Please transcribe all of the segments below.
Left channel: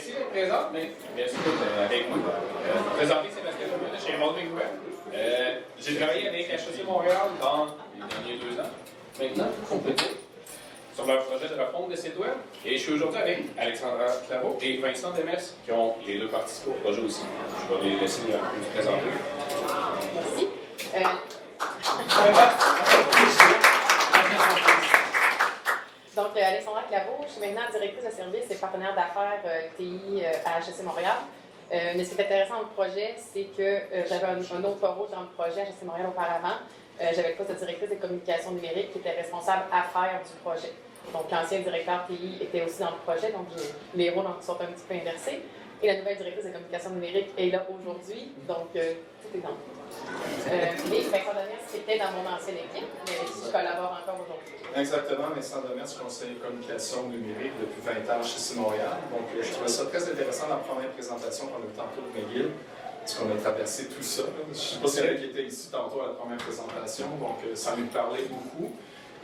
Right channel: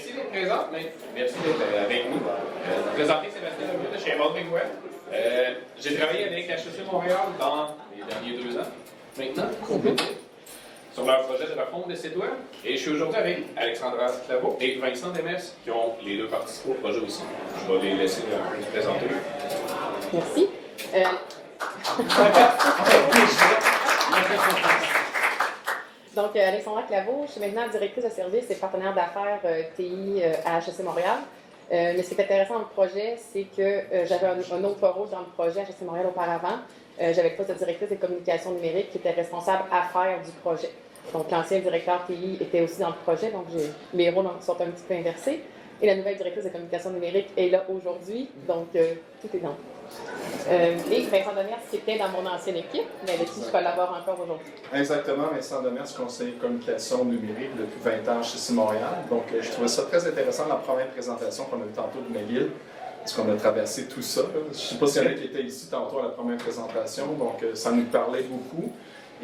merci d'être présent, mais merci d'être avec nous. Présenter Sébastien Lemieux de chez Evolving Web. J'ai travaillé avec HEC Montréal dans les derniers 2 ans, maintenant, sur leur projet de refonte de site web. Et je suis aujourd'hui avec Alexandra Claveau et Vincent Demers, qui ont les deux participé au projet aussi. Je vais les laisser nous présenter. Merci. Donc, Alexandra Claveau, je suis maintenant directrice de service et partenaire d'affaires TI à HEC Montréal. Mais ce qui est intéressant dans le projet, c'est que j'avais un autre rôle dans le projet à HEC Montréal auparavant. J'avais le poste de directrice des communications numériques qui était responsable affaires du projet. Donc, l'ancien directeur TI était aussi dans le projet, donc mes rôles sont un petit peu inversés. Et la nouvelle directrice de communication numérique est là aujourd'hui, donc tout est dans tout. Et Vincent Demers, qui était dans mon ancienne équipe, mais avec qui je collabore encore aujourd'hui. Exactement, Vincent Demers, conseiller communication numérique depuis 20 ans chez Montréal. Donc, je trouvais ça très intéressant la première présentation qu'on a eue tantôt de McGill, parce qu'on a traversé tout ça. Je ne sais pas s'il y en a qui étaient ici tantôt à la première présentation, donc ça nous parlait beaucoup.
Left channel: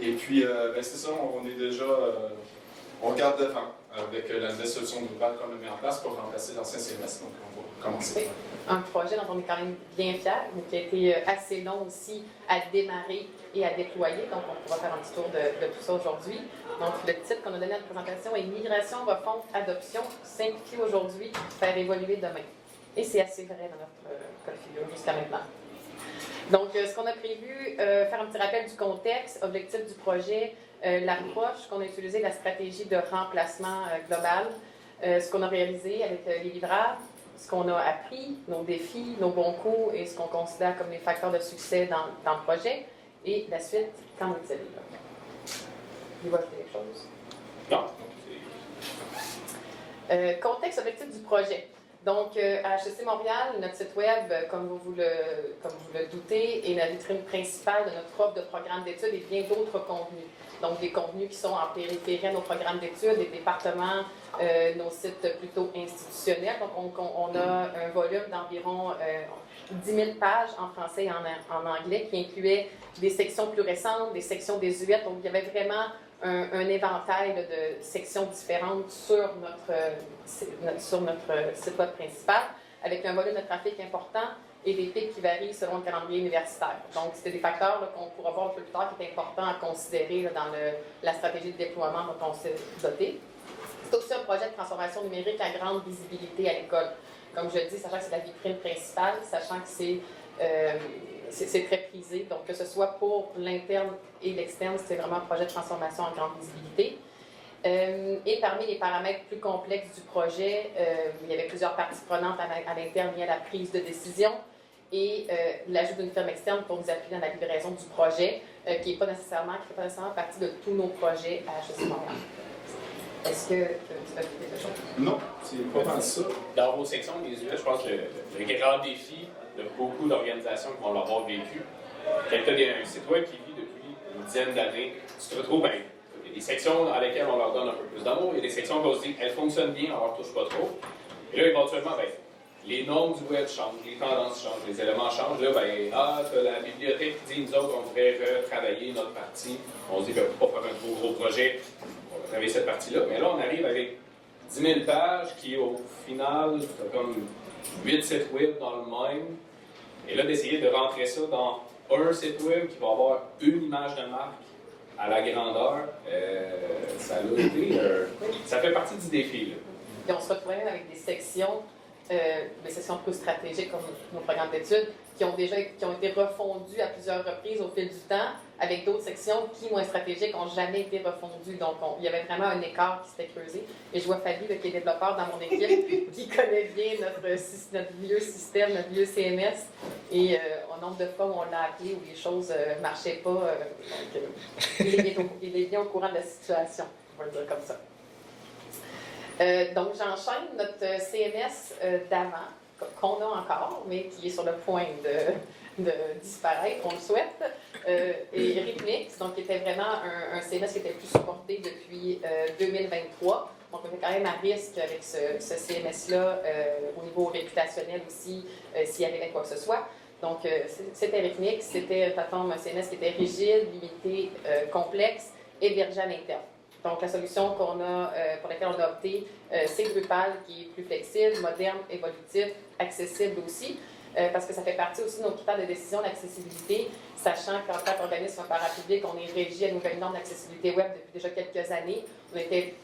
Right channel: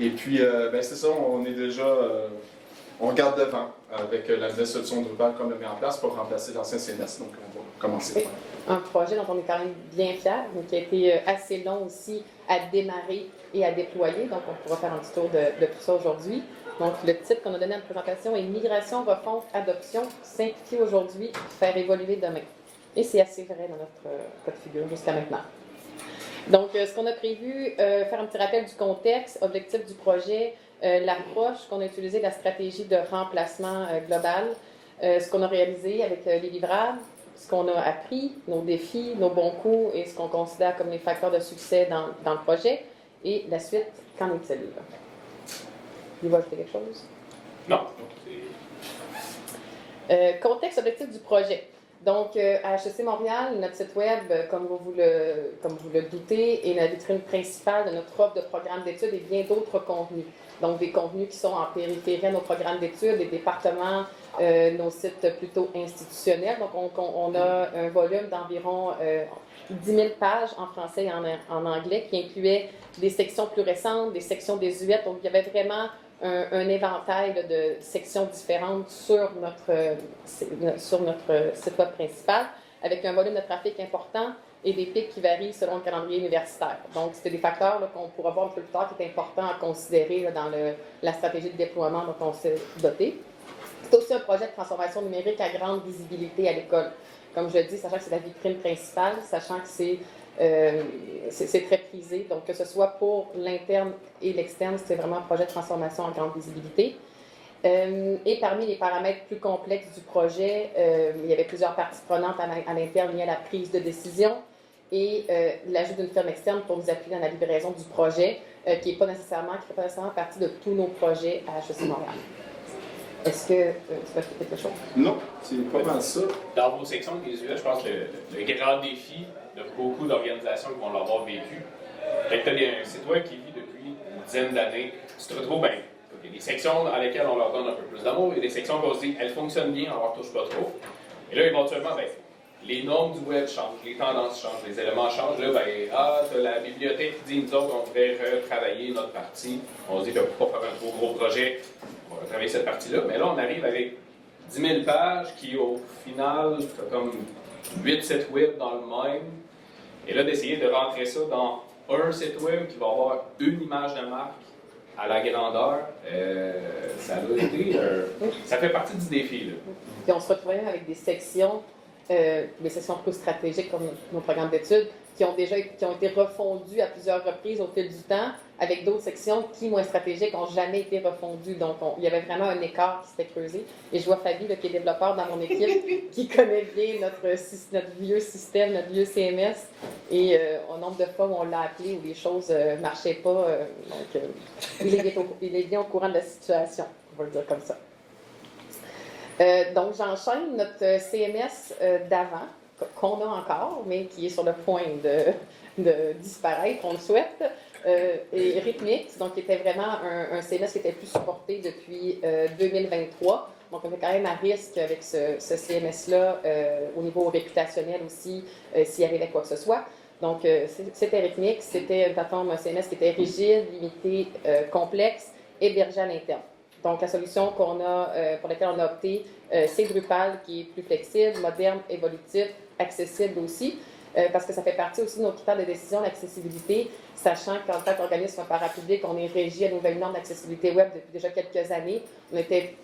Et puis, c'est ça, on est déjà, on regarde devant avec la nouvelle solution globale qu'on a mis en place pour remplacer l'ancien CMS. Donc, on va commencer. Oui. Un projet dont on est quand même bien fiers, mais qui a été assez long aussi à démarrer et à déployer. Donc, on pourra faire un petit tour de tout ça aujourd'hui. Donc, le titre qu'on a donné à la présentation est « Migration, refonte, adoption, simplifier aujourd'hui, faire évoluer demain ». Et c'est assez vrai dans notre cas de figure jusqu'à maintenant. Donc, ce qu'on a prévu, faire un petit rappel du contexte, objectif du projet, l'approche qu'on a utilisée, la stratégie de remplacement global, ce qu'on a réalisé avec les livrables, ce qu'on a appris, nos défis, nos bons coups et ce qu'on considère comme les facteurs de succès dans le projet. Et la suite, qu'en est-il? Il va ajouter quelque chose? Non. Contexte, objectif du projet. Donc, à HEC Montréal, notre site web, comme vous le doutez, est la vitrine principale de notre offre de programmes d'études et bien d'autres contenus. Donc, des contenus qui sont en périphérie de nos programmes d'études, des départements, nos sites plutôt institutionnels. Donc, on a un volume d'environ 10 000 pages en français et en anglais qui incluait des sections plus récentes, des sections désuètes. Donc, il y avait vraiment un éventail de sections différentes sur notre site web principal, avec un volume de trafic important et des pics qui varient selon le calendrier universitaire. Donc, c'était des facteurs qu'on pourra voir un peu plus tard qui est important à considérer dans la stratégie de déploiement dont on s'est doté. C'est aussi un projet de transformation numérique à grande visibilité à l'école. Comme je dis, sachant que c'est la vitrine principale, sachant que c'est très prisé. Donc, que ce soit pour l'interne et l'externe, c'est vraiment un projet de transformation à grande visibilité. Et parmi les paramètres plus complexes du projet, il y avait plusieurs parties prenantes à l'interne liées à la prise de décision et l'ajout d'une firme externe pour nous appuyer dans la livraison du projet, qui ne fait pas nécessairement partie de tous nos projets à HEC Montréal. Est-ce que tu veux ajouter quelque chose? Non, c'est pas mal ça. Dans vos sections désuètes, je pense que le grand défi de beaucoup d'organisations qui vont l'avoir vécu, quand tu as un site web qui vit depuis une dizaine d'années, tu te retrouves des sections dans lesquelles on leur donne un peu plus d'amour et des sections qu'on se dit, elles fonctionnent bien, on leur touche pas trop. Et là, éventuellement, les normes du web changent, les tendances changent, les éléments changent. Là, t'as la bibliothèque qui dit, nous autres, on voudrait retravailler notre partie. On se dit, pour pas faire un gros projet, on va travailler cette partie-là. Mais là, on arrive avec 10 000 pages qui, au final, t'as comme 8 sites web dans le même. Et là, d'essayer de rentrer ça dans un site web qui va avoir une image de marque à la grandeur, ça a été, ça fait partie du défi. Là. Puis on se retrouvait même avec des sections plus stratégiques comme nos programmes d'études, qui ont été refondues à plusieurs reprises au fil du temps, avec d'autres sections qui, moins stratégiques, n'ont jamais été refondues. Donc, il y avait vraiment un écart qui s'était creusé. Et je vois Fabie, qui est développeur dans mon équipe, qui connaît bien notre vieux système, notre vieux CMS. Et au nombre de fois où on l'a appelé, où les choses ne marchaient pas, il est bien au courant de la situation, on va le dire comme ça. Donc, j'enchaîne notre CMS d'avant, qu'on a encore, mais qui est sur le point de disparaître, on le souhaite. Et Rhythmix, donc qui était vraiment un CMS qui était plus supporté depuis 2023. Donc, on était quand même à risque avec ce CMS-là au niveau réputationnel aussi, s'il arrivait quoi que ce soit. Donc, c'était Rhythmix, c'était une plateforme, un CMS qui était rigide, limité, complexe, hébergé à l'interne. Donc, la solution pour laquelle on a opté, c'est Drupal, qui est plus flexible, moderne, évolutif, accessible aussi, parce que ça fait partie aussi de nos critères de décision d'accessibilité, sachant qu'en tant qu'organisme parapublic, on est régi à une nouvelle norme d'accessibilité web depuis déjà quelques années. On n'était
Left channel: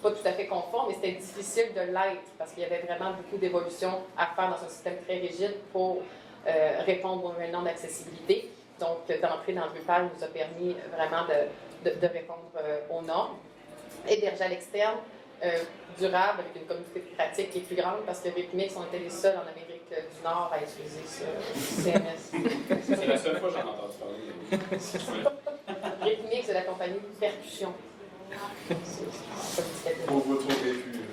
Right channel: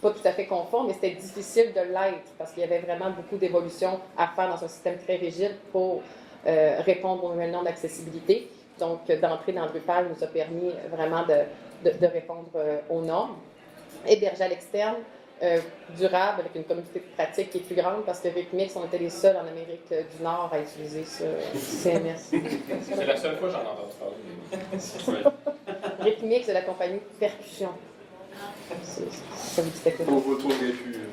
pas tout à fait conforme, mais c'était difficile de l'être, parce qu'il y avait vraiment beaucoup d'évolutions à faire dans un système très rigide pour répondre aux nouvelles normes d'accessibilité. Donc, d'entrer dans Drupal nous a permis vraiment de répondre aux normes. Hébergé à l'externe, durable, avec une communauté de pratique qui est plus grande, parce que Rhythmix, on était les seuls en Amérique du Nord à utiliser ce CMS. C'est la seule fois que j'en entends parler. Rhythmix de la compagnie Percussion. Ça vous dit quelque chose? Vous retrouverez plus.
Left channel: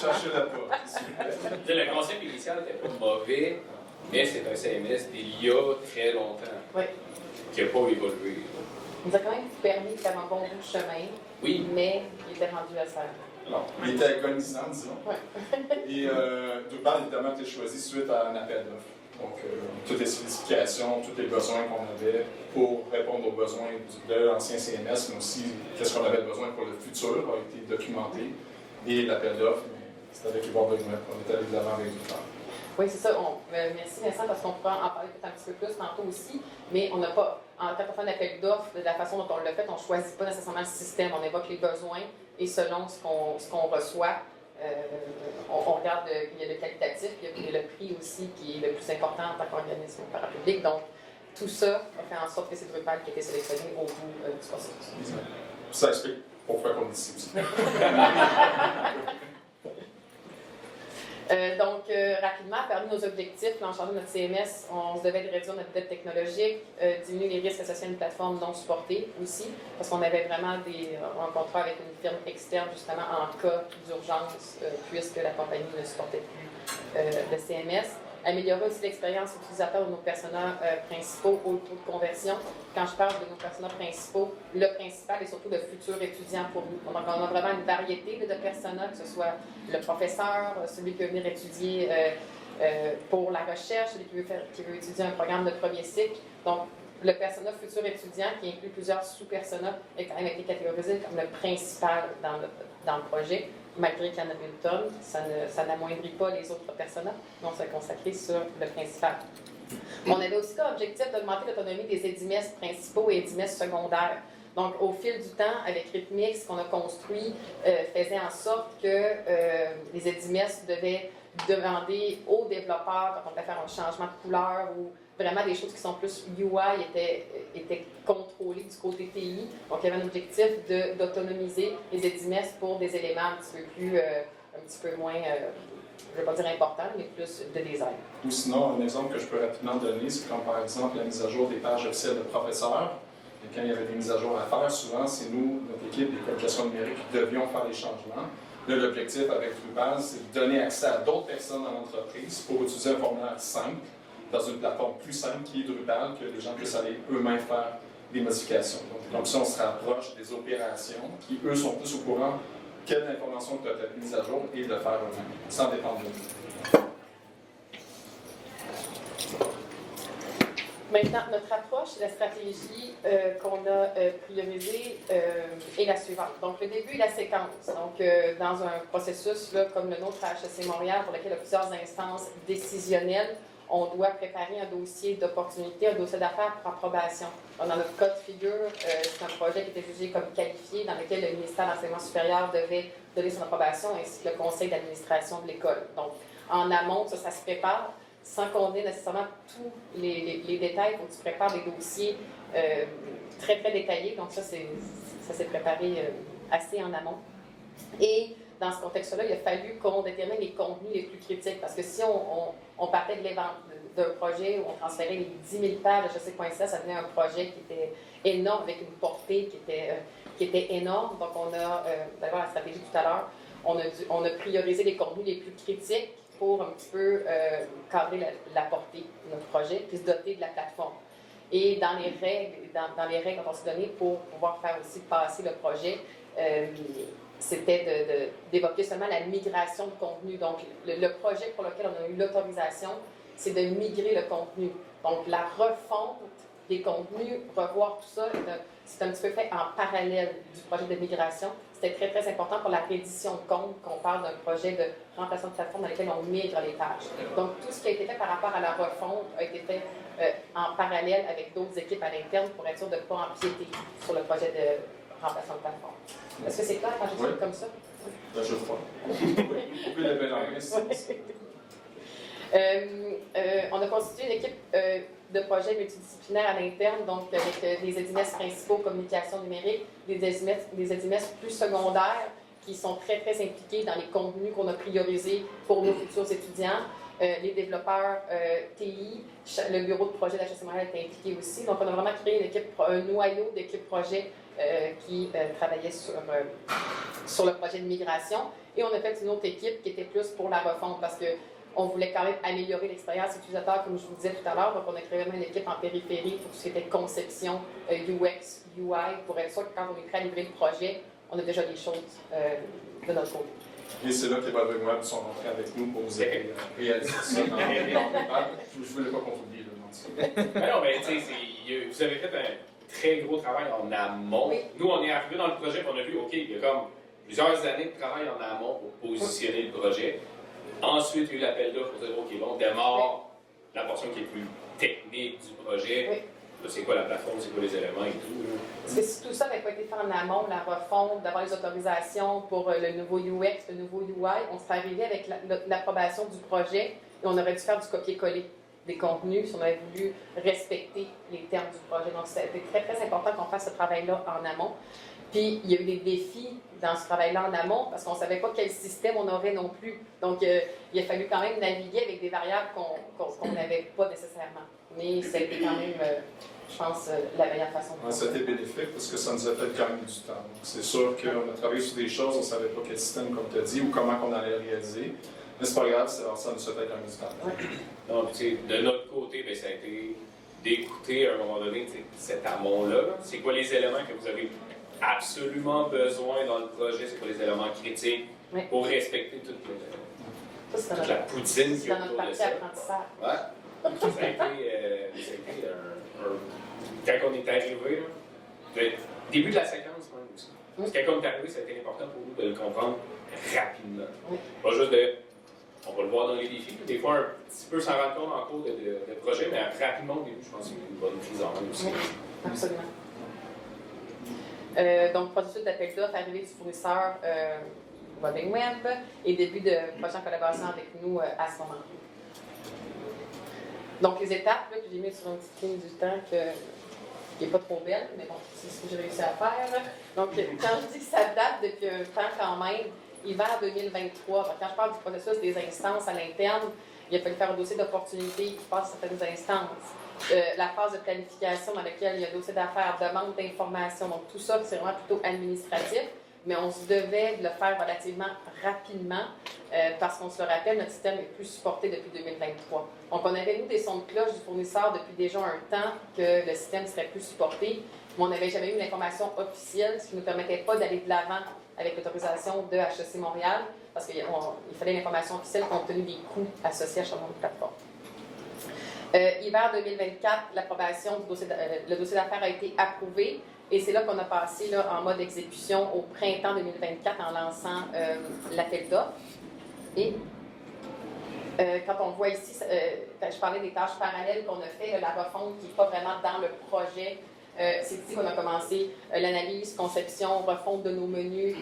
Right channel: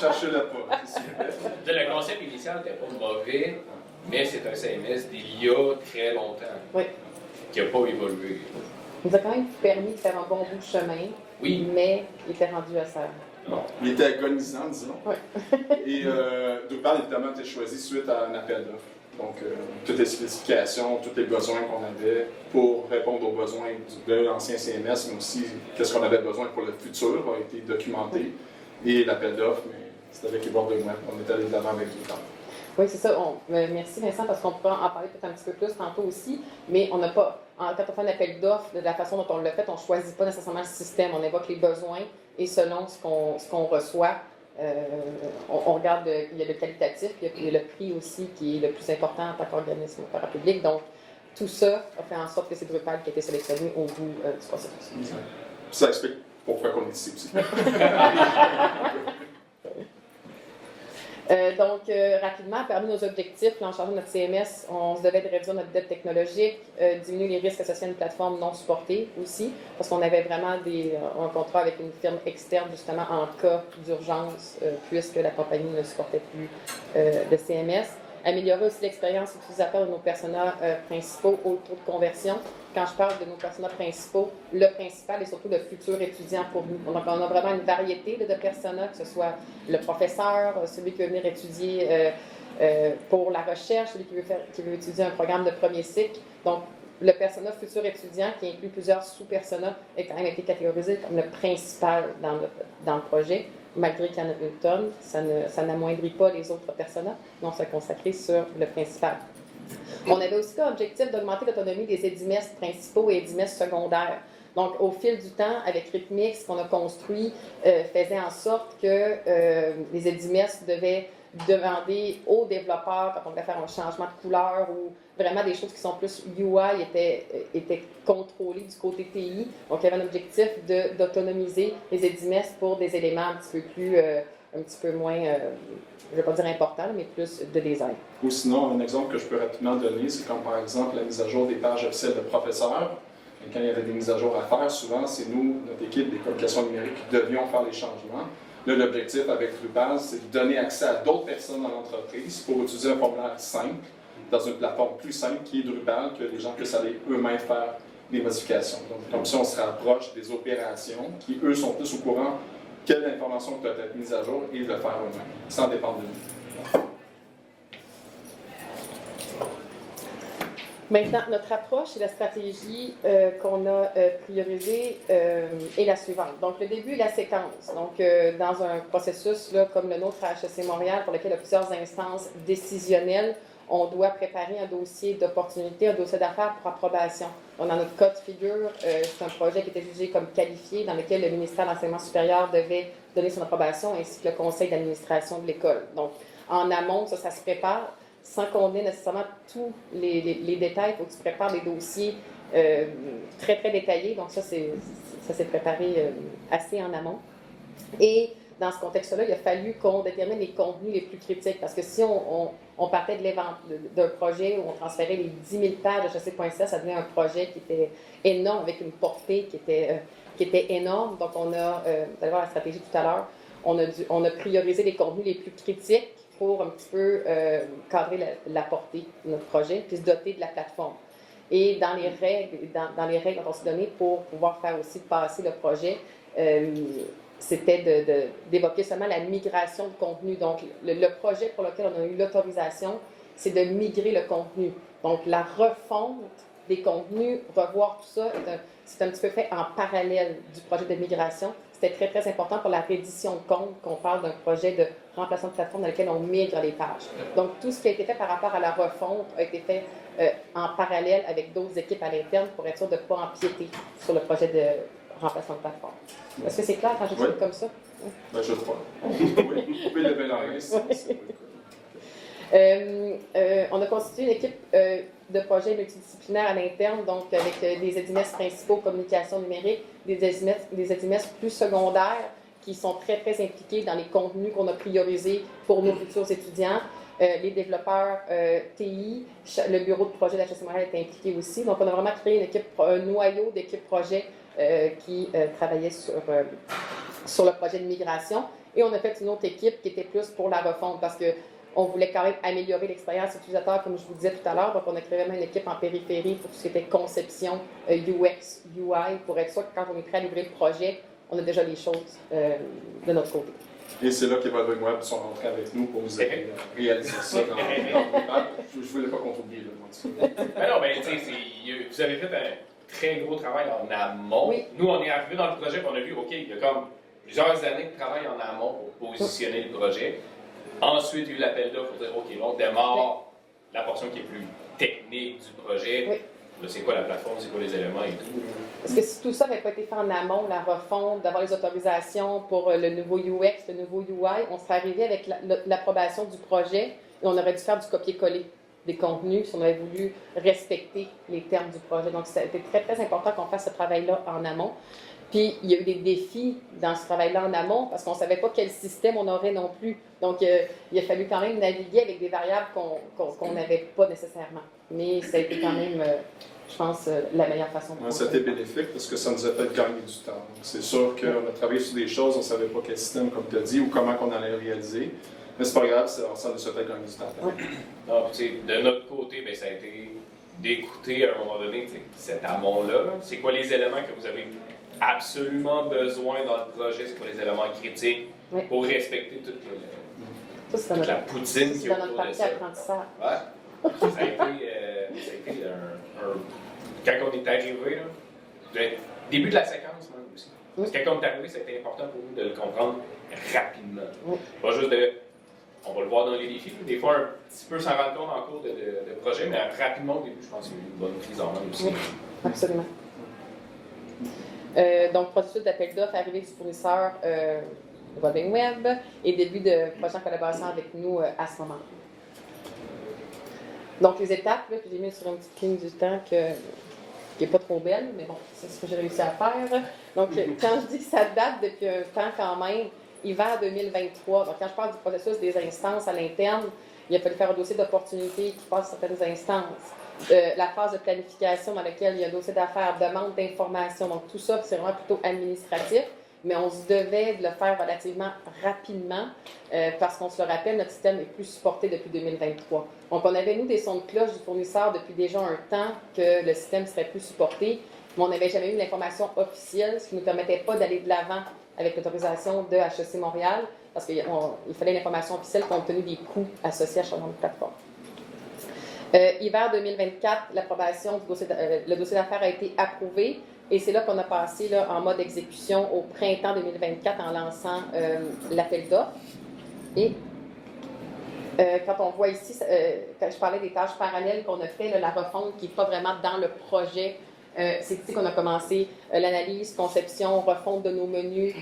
Cherchez-le pas. Le concept initial n'était pas mauvais, mais c'est un CMS d'il y a très longtemps, Oui. qui n'a pas évolué. Il nous a quand même permis de faire un bon bout de chemin, Oui. mais il était rendu à ça. Bon, il était agonisant, disons. Ouais. Et Drupal, évidemment, a été choisi suite à un appel d'offres. Donc, toutes les spécifications, tous les besoins qu'on avait pour répondre aux besoins de l'ancien CMS, mais aussi qu'est-ce qu'on avait besoin pour le futur a été documenté. Et l'appel d'offres, c'était avec les bords de web. On est allé de l'avant avec Drupal. Oui, c'est ça. Merci Vincent, parce qu'on pourra en parler peut-être un petit peu plus tantôt aussi, mais on n'a pas, quand on fait un appel d'offres, de la façon dont on l'a fait, on ne choisit pas nécessairement le système, on évoque les besoins et selon ce qu'on reçoit, on regarde, il y a le qualitatif, puis il y a le prix aussi qui est le plus important en tant qu'organisme parapublic. Donc, tout ça a fait en sorte que c'est Drupal qui a été sélectionné au bout du processus. Ça explique pourquoi on est ici aussi. Rapidement, parmi nos objectifs, en changeant notre CMS, on se devait de réduire notre dette technologique, diminuer les risques associés à une plateforme non supportée aussi, parce qu'on avait vraiment un contrat avec une firme externe, justement, en cas d'urgence, puisque la compagnie ne supportait plus de CMS. Améliorer aussi l'expérience utilisateur de nos personas principaux au taux de conversion. Quand je parle de nos personas principaux, le principal est surtout le futur étudiant pour nous. Donc, on a vraiment une variété de personas, que ce soit le professeur, celui qui veut venir étudier pour la recherche, celui qui veut étudier un programme de premier cycle. Donc, le persona futur étudiant, qui inclut plusieurs sous-personas, a quand même été catégorisé comme le principal dans le projet. Malgré qu'il y en a une tonne, ça n'amoindrit pas les autres personas, mais on s'est consacré sur le principal. On avait aussi comme objectif d'augmenter l'autonomie des édimestres principaux et édimestres secondaires. Donc, au fil du temps, avec Rhythmix, qu'on a construit, faisait en sorte que les édimestres devaient demander aux développeurs, quand on voulait faire un changement de couleur ou vraiment des choses qui sont plus UI, étaient contrôlées du côté TI. Donc, il y avait un objectif d'autonomiser les édimestres pour des éléments un petit peu moins, je ne vais pas dire importants, mais plus de design. Ou sinon, un exemple que je peux rapidement donner, c'est comme par exemple la mise à jour des pages officielles de professeurs. Et quand il y avait des mises à jour à faire, souvent, c'est nous, notre équipe des communications numériques, qui devions faire les changements. Là, l'objectif avec Drupal, c'est de donner accès à d'autres personnes dans l'entreprise pour utiliser un formulaire simple, dans une plateforme plus simple qui est Drupal, que les gens puissent aller eux-mêmes faire des modifications. Donc, comme ça, on se rapproche des opérations qui, eux, sont plus au courant quelle information doit être mise à jour et de le faire eux-mêmes, sans dépendre de nous. Maintenant, notre approche et la stratégie qu'on a priorisée est la suivante. Donc, le début et la séquence. Donc, dans un processus là, comme le nôtre à HEC Montréal, pour lequel il y a plusieurs instances décisionnelles, on doit préparer un dossier d'opportunité, un dossier d'affaires pour approbation. Donc, dans notre cas de figure, c'est un projet qui était jugé comme qualifié, dans lequel le ministère de l'Enseignement supérieur devait donner son approbation, ainsi que le conseil d'administration de l'école. Donc, en amont, ça se prépare, sans qu'on ait nécessairement tous les détails. Il faut que tu prépares des dossiers très, très détaillés. Donc, ça s'est préparé assez en amont. Et dans ce contexte-là, il a fallu qu'on détermine les contenus les plus critiques. Parce que si on partait d'un projet où on transférait les 10 000 pages de HEC.ca, ça devenait un projet qui était énorme, avec une portée qui était énorme. Donc, vous allez voir la stratégie tout à l'heure, on a priorisé les contenus les plus critiques pour un petit peu cadrer la portée de notre projet, puis se doter de la plateforme. Et dans les règles qu'on s'est données pour pouvoir faire aussi passer le projet, c'était d'évoquer seulement la migration de contenu. Donc, le projet pour lequel on a eu l'autorisation, c'est de migrer le contenu. Donc, la refonte des contenus, revoir tout ça, c'est un petit peu fait en parallèle du projet de migration. C'était très, très important pour la reddition de compte qu'on parle d'un projet de remplacement de plateforme dans lequel on migre les pages. Donc, tout ce qui a été fait par rapport à la refonte a été fait en parallèle avec d'autres équipes à l'interne pour être sûr de ne pas empiéter sur le projet de remplacement de plateforme. Est-ce que c'est clair quand je dis comme ça? Ben, je crois. Vous pouvez lever la main. On a constitué une équipe de projet multidisciplinaire à l'interne, donc avec des EDIMES principaux, communication numérique, des EDIMES plus secondaires qui sont très, très impliqués dans les contenus qu'on a priorisés pour nos futurs étudiants. Les développeurs TI, le bureau de projet de la HEC Montréal est impliqué aussi. Donc, on a vraiment créé une équipe, un noyau d'équipe projet qui travaillait sur le projet de migration. Et on a fait une autre équipe qui était plus pour la refonte parce qu'on voulait quand même améliorer l'expérience utilisateur, comme je vous disais tout à l'heure. Donc, on a créé vraiment une équipe en périphérie pour tout ce qui était conception, UX, UI, pour être sûr que quand on est prêt à livrer le projet, on a déjà les choses de notre côté. Et c'est là qu'Evolving Web sont rentrés avec nous pour nous aider à réaliser ça dans les pages. Je ne voulais pas qu'on oublie le non, mais tu sais, vous avez fait un très gros travail en amont. Oui. Nous, on est arrivés dans le projet et on a vu, OK, il y a comme plusieurs années de travail en amont pour positionner le projet. Ensuite, il y a eu l'appel d'offres pour dire, OK, on démarre la portion qui est plus technique du projet. Oui. Là, c'est quoi la plateforme, c'est quoi les éléments et tout. Parce que si tout ça n'avait pas été fait en amont, la refonte, d'avoir les autorisations pour le nouveau UX, le nouveau UI, on serait arrivé avec l'approbation du projet et on aurait dû faire du copier-coller des contenus si on avait voulu respecter les termes du projet. Donc, c'était très, très important qu'on fasse ce travail-là en amont. Puis, il y a eu des défis dans ce travail-là en amont parce qu'on ne savait pas quel système on aurait non plus. Donc, il a fallu quand même naviguer avec des variables qu'on n'avait pas nécessairement. Mais ça a été quand même, je pense, la meilleure façon de faire. C'était bénéfique parce que ça nous a fait gagner du temps. Donc, c'est sûr qu'on a travaillé sur des choses, on ne savait pas quel système, comme tu as dit, ou comment on allait le réaliser. Mais c'est pas grave, ça nous a fait gagner du temps. Oui. Non, de notre côté, bien, ça a été d'écouter à un moment donné cet amont-là. C'est quoi les éléments que vous avez absolument besoin dans le projet, c'est quoi les éléments critiques pour respecter toute la poutine qui est dans notre autour de partie ça. apprentissage. Ouais. Ça a été quand on est arrivé, là, début de la séquence même aussi. Parce que quand on est arrivé, c'était important pour nous de le comprendre rapidement. Pas juste on va le voir dans les défis, des fois un petit peu s'en rendre compte en cours de projet, mais rapidement au début, je pense qu'il y a eu une bonne prise en main aussi. Oui, absolument. Donc, processus d'appel d'offres, arrivée du fournisseur Evolving Web et début de prochaine collaboration avec nous à ce moment-là. Donc, les étapes là, que j'ai mises sur une petite ligne du temps qui n'est pas trop belle, mais bon, c'est ce que j'ai réussi à faire. Donc, quand je dis que ça date depuis un temps quand même, hiver 2023, donc quand je parle du processus des instances à l'interne, il a fallu faire un dossier d'opportunité qui passe certaines instances. La phase de planification dans laquelle il y a un dossier d'affaires, demande d'information. Donc, tout ça, c'est vraiment plutôt administratif, mais on se devait de le faire relativement rapidement parce qu'on se le rappelle, notre système est plus supporté depuis 2023. Donc, on avait, nous, des sons de cloche du fournisseur depuis déjà un temps que le système serait plus supporté, mais on n'avait jamais eu l'information officielle, ce qui ne nous permettait pas d'aller de l'avant avec l'autorisation de HEC Montréal, parce qu'il fallait l'information officielle compte tenu des coûts associés à chaque plateforme. Hiver 2024, l'approbation du dossier, le dossier d'affaires a été approuvé et c'est là qu'on a passé là, en mode exécution au printemps 2024 en lançant l'appel d'offres. Et quand on voit ici, quand je parlais des tâches parallèles qu'on a fait, là, la refonte qui n'est pas vraiment dans le projet, c'est ici qu'on a commencé l'analyse, conception, refonte de nos menus,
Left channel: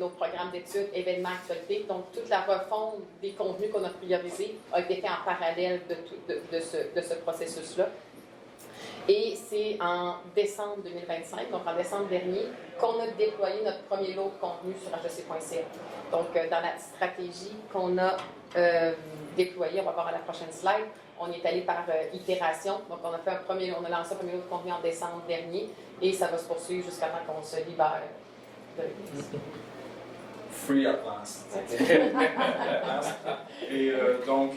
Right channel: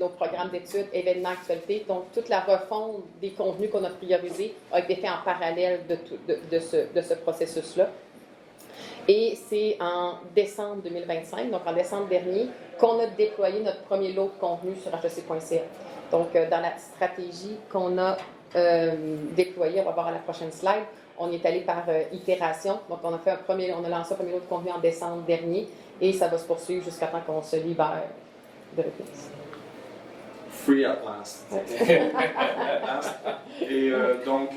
nos programmes d'études, événements, actualités. Donc, toute la refonte des contenus qu'on a priorisés a été faite en parallèle de ce processus-là. Et c'est en décembre 2025, donc en décembre dernier, qu'on a déployé notre premier lot de contenu sur hec.ca. Donc, dans la stratégie qu'on a déployée, on va voir à la prochaine slide, on est allé par itération. Donc, on a lancé un premier lot de contenu en décembre dernier et ça va se poursuivre jusqu'à temps qu'on se libère de réponse. Free at last. Et donc,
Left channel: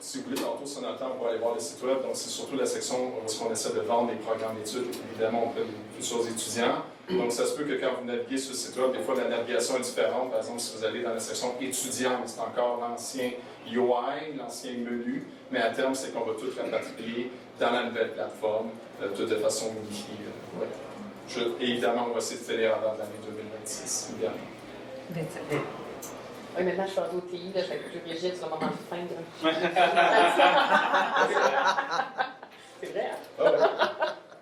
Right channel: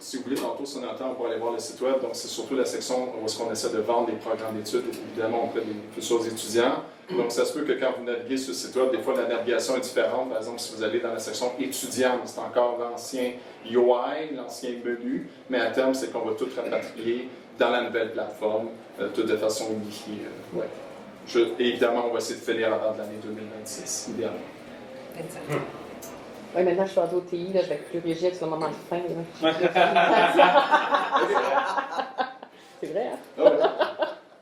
si vous voulez, tantôt, si on a le temps, on pourra aller voir le site web. Donc, c'est surtout la section où on essaie de vendre les programmes d'études, évidemment, auprès des futurs étudiants. Donc, ça se peut que quand vous naviguez sur le site web, des fois, la navigation est différente. Par exemple, si vous allez dans la section étudiants, c'est encore l'ancien UI, l'ancien menu, mais à terme, c'est qu'on va tout rapatrier dans la nouvelle plateforme, tout de façon unifiée. Évidemment, on va essayer de finir avant l'année 2026, idéalement. 27. Oui, maintenant, je suis rendue au TI, là, je vais être plus rigide sur le moment de fin. Là. C'est vrai, hein? Ah ouais.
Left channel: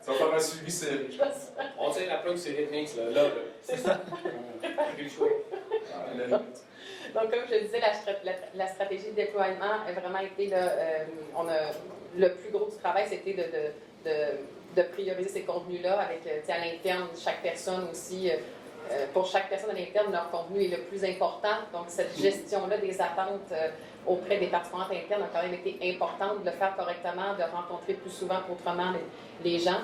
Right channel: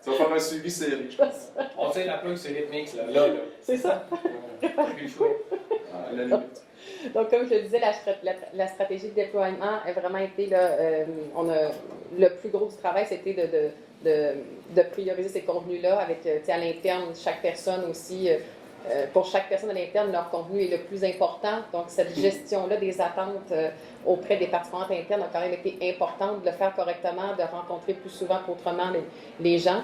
Ça va faire un suivi serré, je pense. On tient la plug sur Rhythmix, là. C'est ça. Plus chaud. À la limite. Donc, comme je le disais, la stratégie de déploiement a vraiment été, là, le plus gros du travail, c'était de prioriser ces contenus-là avec, à l'interne, chaque personne aussi, pour chaque personne à l'interne, leur contenu est le plus important. Donc, cette gestion-là des attentes auprès des participants internes a quand même été importante, de le faire correctement, de rencontrer plus souvent qu'autrement les gens.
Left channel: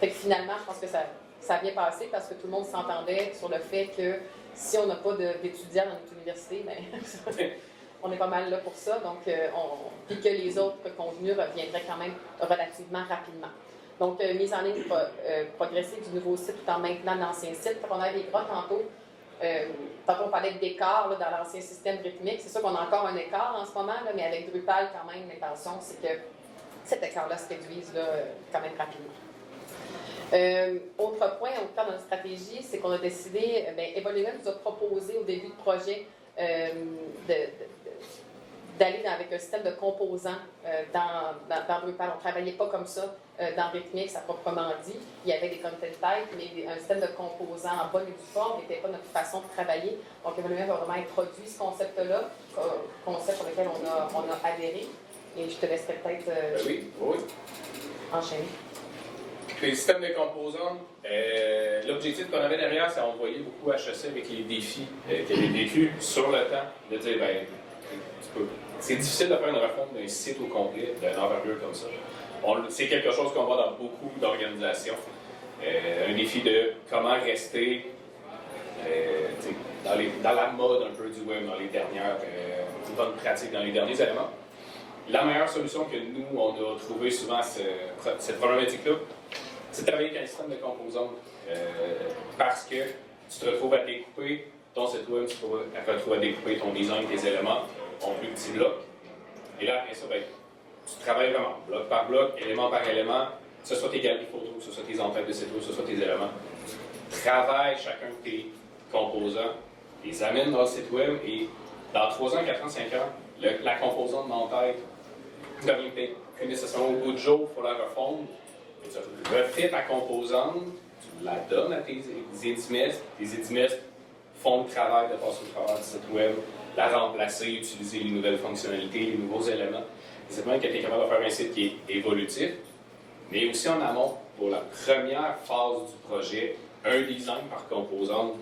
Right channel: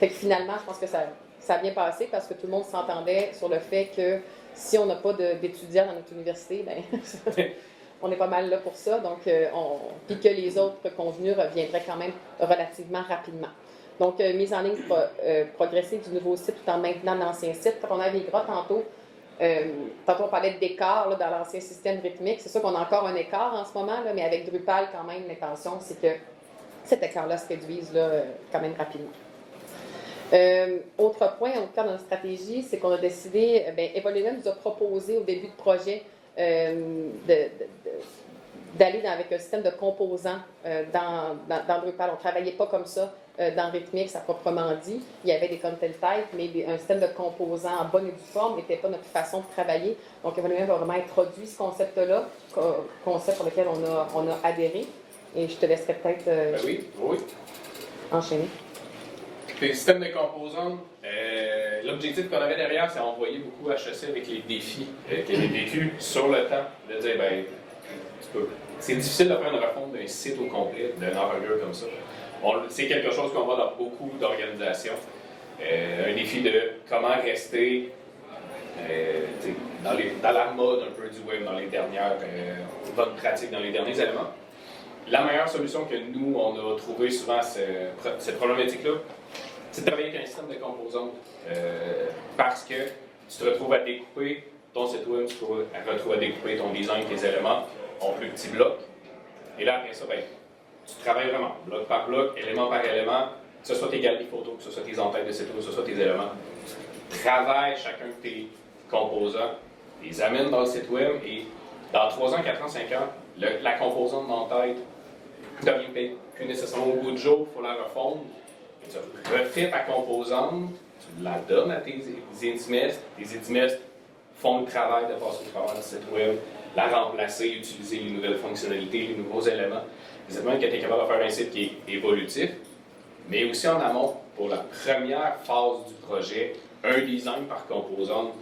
Fait que finalement, je pense que ça a bien passé parce que tout le monde s'entendait sur le fait que si on n'a pas d'étudiants dans notre université, ben, on est pas mal là pour ça. Donc, puis que les autres contenus reviendraient quand même relativement rapidement. Donc, mise en ligne progressive du nouveau site tout en maintenant l'ancien site. On a des gras tantôt. Tantôt, on parlait d'écart dans l'ancien système rythmique. C'est sûr qu'on a encore un écart en ce moment, là, mais avec Drupal, quand même, l'intention, c'est que cet écart-là se réduise là, quand même rapidement. Autre point, au cœur de notre stratégie, c'est qu'on a décidé, Evolumen nous a proposé au début de projet d'aller avec un système de composants dans Drupal. On ne travaillait pas comme ça dans Rhythmix, à proprement dit. Il y avait des content types, mais un système de composants en bonne et due forme n'était pas notre façon de travailler. Donc, Evolumen a vraiment introduit ce concept-là, concept pour lequel on a adhéré. Et je te laisserai peut-être Oui. enchaîner. Les systèmes de composants, l'objectif qu'on avait derrière, c'est d'envoyer beaucoup HEC avec les défis qu'il avait vécu sur le temps, de dire, c'est difficile de faire une refonte d'un site au complet, d'un envergure comme ça. C'est quelque chose qu'on voit dans beaucoup d'organisations. Un défi de comment rester dans la mode un peu du web, dans les dernières bonnes pratiques, dans les derniers éléments. La meilleure solution que nous, on a trouvé souvent cette problématique-là, c'est de travailler avec un système de composants. Parce que tu te retrouves à découper ton site web, tu te retrouves à découper ton design, tes éléments en plus petits blocs. Et là, après ça, tu travailles vraiment bloc par bloc, élément par élément, que ce soit tes galeries photos, que ce soit tes entêtes de site web, que ce soit tes éléments. Travaille chacun de tes composants, les amène dans le site web et dans 3 ans, 4 ans, 5 ans, la composante d'entête devient peut-être plus nécessairement au bout du jour, il faut la refondre. Et tu refais ta composante, tu la donnes à tes intimistes, tes intimistes font le travail de passer au travers du site web, la remplacer, utiliser les nouvelles fonctionnalités, les nouveaux éléments. C'est même que tu es capable de faire un site qui est évolutif, mais aussi en amont, pour la première phase du projet, un design par composante,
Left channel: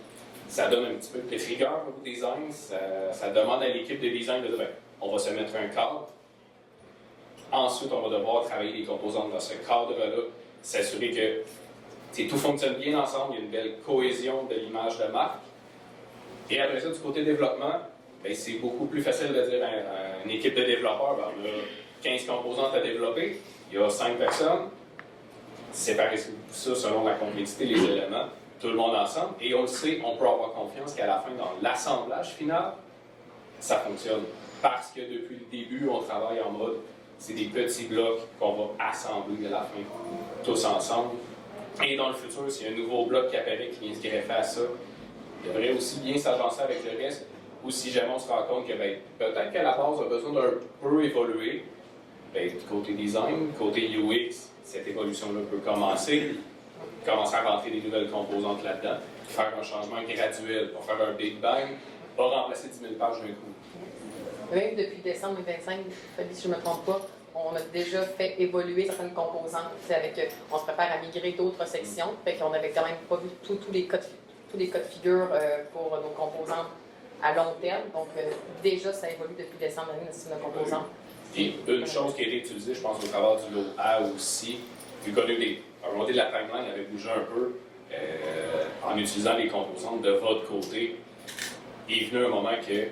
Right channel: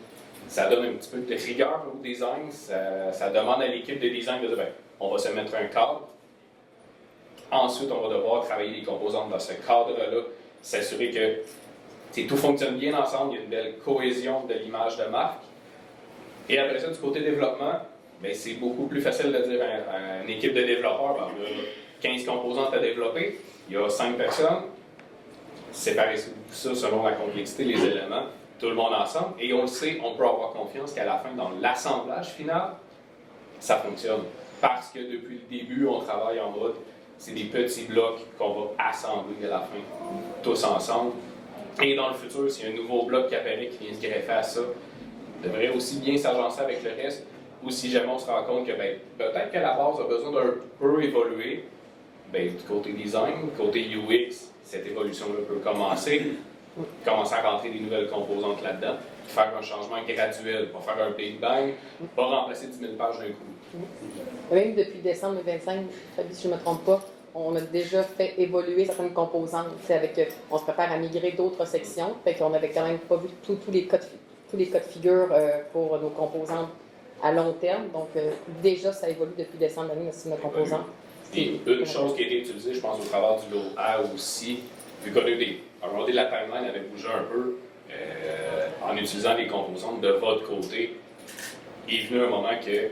ça donne un petit peu de rigueur au design, ça demande à l'équipe de design de dire, on va se mettre un cadre. Ensuite, on va devoir travailler les composantes dans ce cadre-là, s'assurer que tout fonctionne bien ensemble, il y a une belle cohésion de l'image de marque. Et après ça, du côté développement, c'est beaucoup plus facile de dire à une équipe de développeurs, on a 15 composantes à développer, il y a 5 personnes, séparer ça selon la complexité, les éléments, tout le monde ensemble, et on le sait, on peut avoir confiance qu'à la fin, dans l'assemblage final, ça fonctionne. Parce que depuis le début, on travaille en mode, c'est des petits blocs qu'on va assembler à la fin, tous ensemble. Et dans le futur, s'il y a un nouveau bloc qui apparaît, qui vient se greffer à ça, devrait aussi bien s'agencer avec le reste, ou si jamais on se rend compte que peut-être qu'à la base, on a besoin d'un peu évoluer, du côté design, côté UX, cette évolution-là peut commencer à rentrer des nouvelles composantes là-dedans, faire un changement graduel, pas faire un big bang, pas remplacer 10 000 pages d'un coup. Même depuis décembre 2025, Fabi, si je ne me trompe pas, on a déjà fait évoluer certaines composantes. On se prépare à migrer d'autres sections, fait qu'on n'avait quand même pas vu tous les cas de figure pour nos composantes à long terme. Donc, déjà, ça évolue depuis décembre l'année, le système de composantes. Et une chose qui a été utilisée, je pense, au travers du lot A aussi, vu qu'on a eu à un moment donné, la timeline avait bougé un peu en utilisant les composantes de votre côté. Il est venu un moment que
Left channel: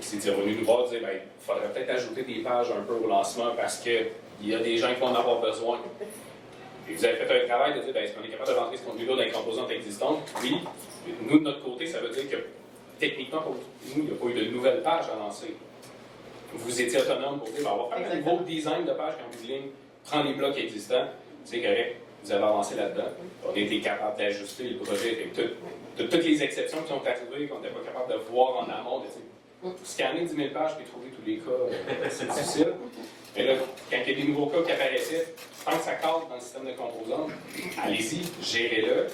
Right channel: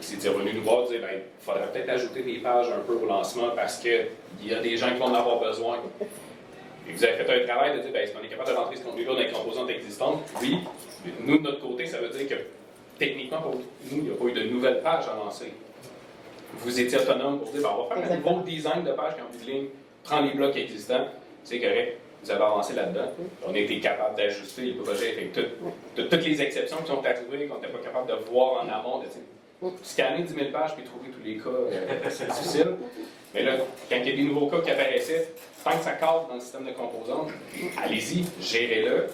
c'est revenu nous voir et dire il faudrait peut-être ajouter des pages un peu au lancement parce qu'il y a des gens qui vont en avoir besoin. Et vous avez fait un travail de dire est-ce qu'on est capable de rentrer ce contenu-là dans les composantes existantes? Oui. Nous, de notre côté, ça veut dire que techniquement, pour nous, il n'y a pas eu de nouvelles pages à lancer. Vous étiez autonome pour dire on va faire un nouveau design de page qui en bout de ligne, prend les blocs existants, c'est correct. vous avez avancé là-dedans. On a été capable d'ajuster le projet avec de toutes les exceptions qui sont arrivées, qu'on n'était pas capable de voir en amont. Scanner 10 000 pages et trouver tous les cas, c'est difficile. Mais là, quand il y a des nouveaux cas qui apparaissaient, tant que ça cadre dans le système de composantes, allez-y, gérez-le.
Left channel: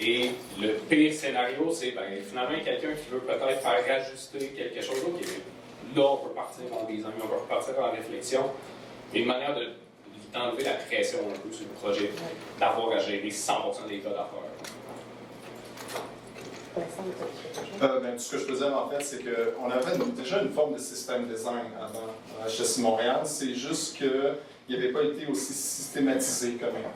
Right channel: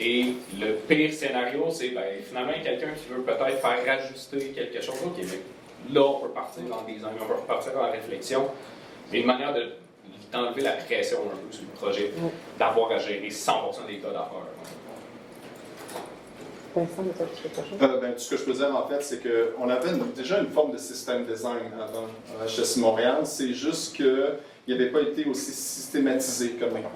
Et le pire scénario, c'est finalement quelqu'un qui veut peut-être faire ajuster quelque chose. Okay, là, on peut partir dans le design, on peut partir dans la réflexion. C'est une manière d'enlever la pression un peu sur le projet, d'avoir à gérer 100% des cas d'affaires. Tout ce que je peux dire en fait, c'est qu'on avait déjà une forme de système design avant HEC Montréal, c'est juste qu'il n'avait pas été aussi systématisé que maintenant.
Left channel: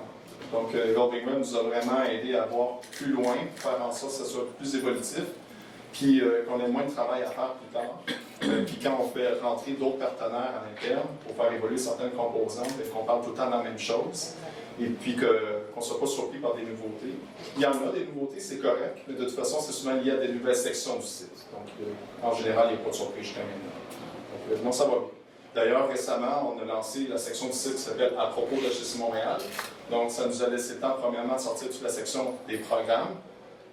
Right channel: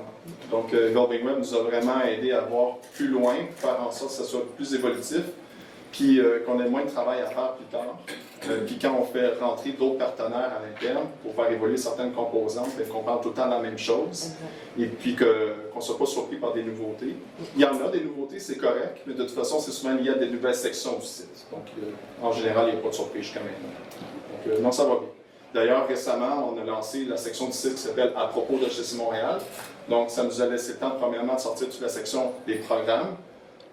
Donc, Building Web nous a vraiment aidé à voir plus loin, pour faire en sorte que ça soit plus évolutif, puis qu'on ait moins de travail à faire plus tard. Puis quand on fait rentrer d'autres partenaires à l'interne pour faire évoluer certaines composantes, qu'on parle tout le temps de la même chose, et puis qu'on ne soit pas surpris par des nouveautés. Il y en a des nouveautés, c'est correct, mais de toute façon, c'est souvent lié à des nouvelles sections du site. Donc, en général, il n'y a pas de surprise jusqu'à maintenant. Donc, non, ça va bien. D'ailleurs, récemment, on a lancé la section du site qui s'appelle « À propos de HEC Montréal ». Donc, ça nous a laissé le temps, premièrement, de sortir toute la section des programmes.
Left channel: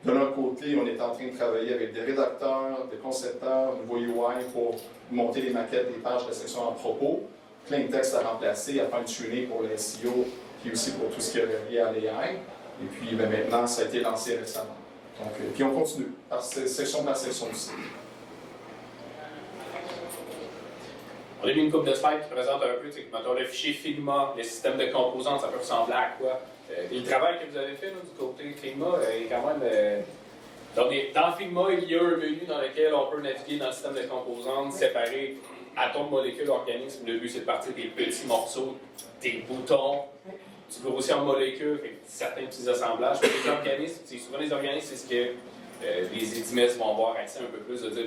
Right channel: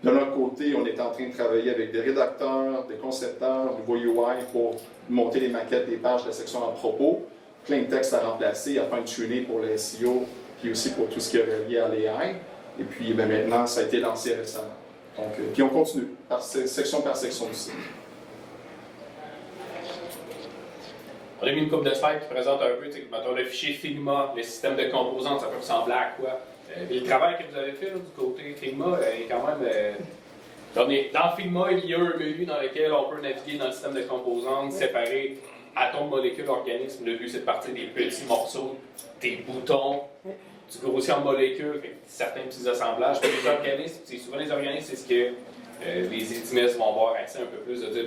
De l'autre côté, on est en train de travailler avec des rédacteurs, des concepteurs, nouveau UI pour monter les maquettes des pages de la section « À propos ». Plein de textes à remplacer, à fine-tuner pour les SEO, puis aussi pour tout ce qui est relié à l'AI. Et puis, maintenant, ça a été lancé récemment. Donc, puis on continue, section par section du site. On a mis une couple de slides qui présentent un peu, mettons, le fichier Figma, le système de composantes, ça peut ressembler à quoi? Et le travail que vous avez fait là, du côté Figma est quand même... Dans Figma, il y a un menu dans lequel on peut naviguer dans le système de composantes, séparer atomes, molécules, organismes. Le but, c'est de partir des petits morceaux, des boutons. Tu peux aussi en molécules, certains petits assemblages. Puis les organismes, souvent les organismes, c'est ce que les étimistes vont avoir accès un peu plus, de dire,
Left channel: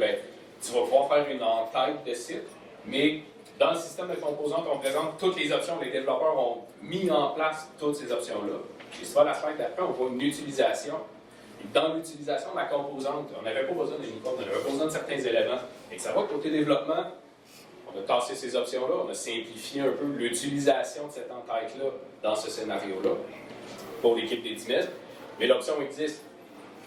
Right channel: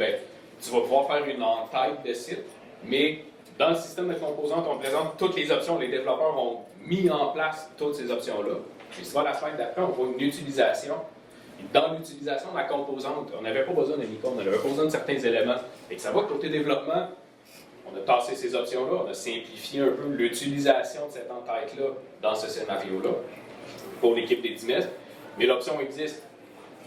tu vas pouvoir faire une en-tête de site. Mais dans le système de composantes, on présente toutes les options. Les développeurs ont mis en place toutes ces options-là. Et souvent, la slide d'après, on voit une utilisation. Et dans l'utilisation de la composante, on n'avait pas besoin de l'icône, on n'avait pas besoin de certains éléments. Et que ça va, côté développement, on a tassé ces options-là, on a simplifié un peu l'utilisation de cette en-tête-là dans ce scénario-là pour l'équipe des DIMES. Mais l'option existe.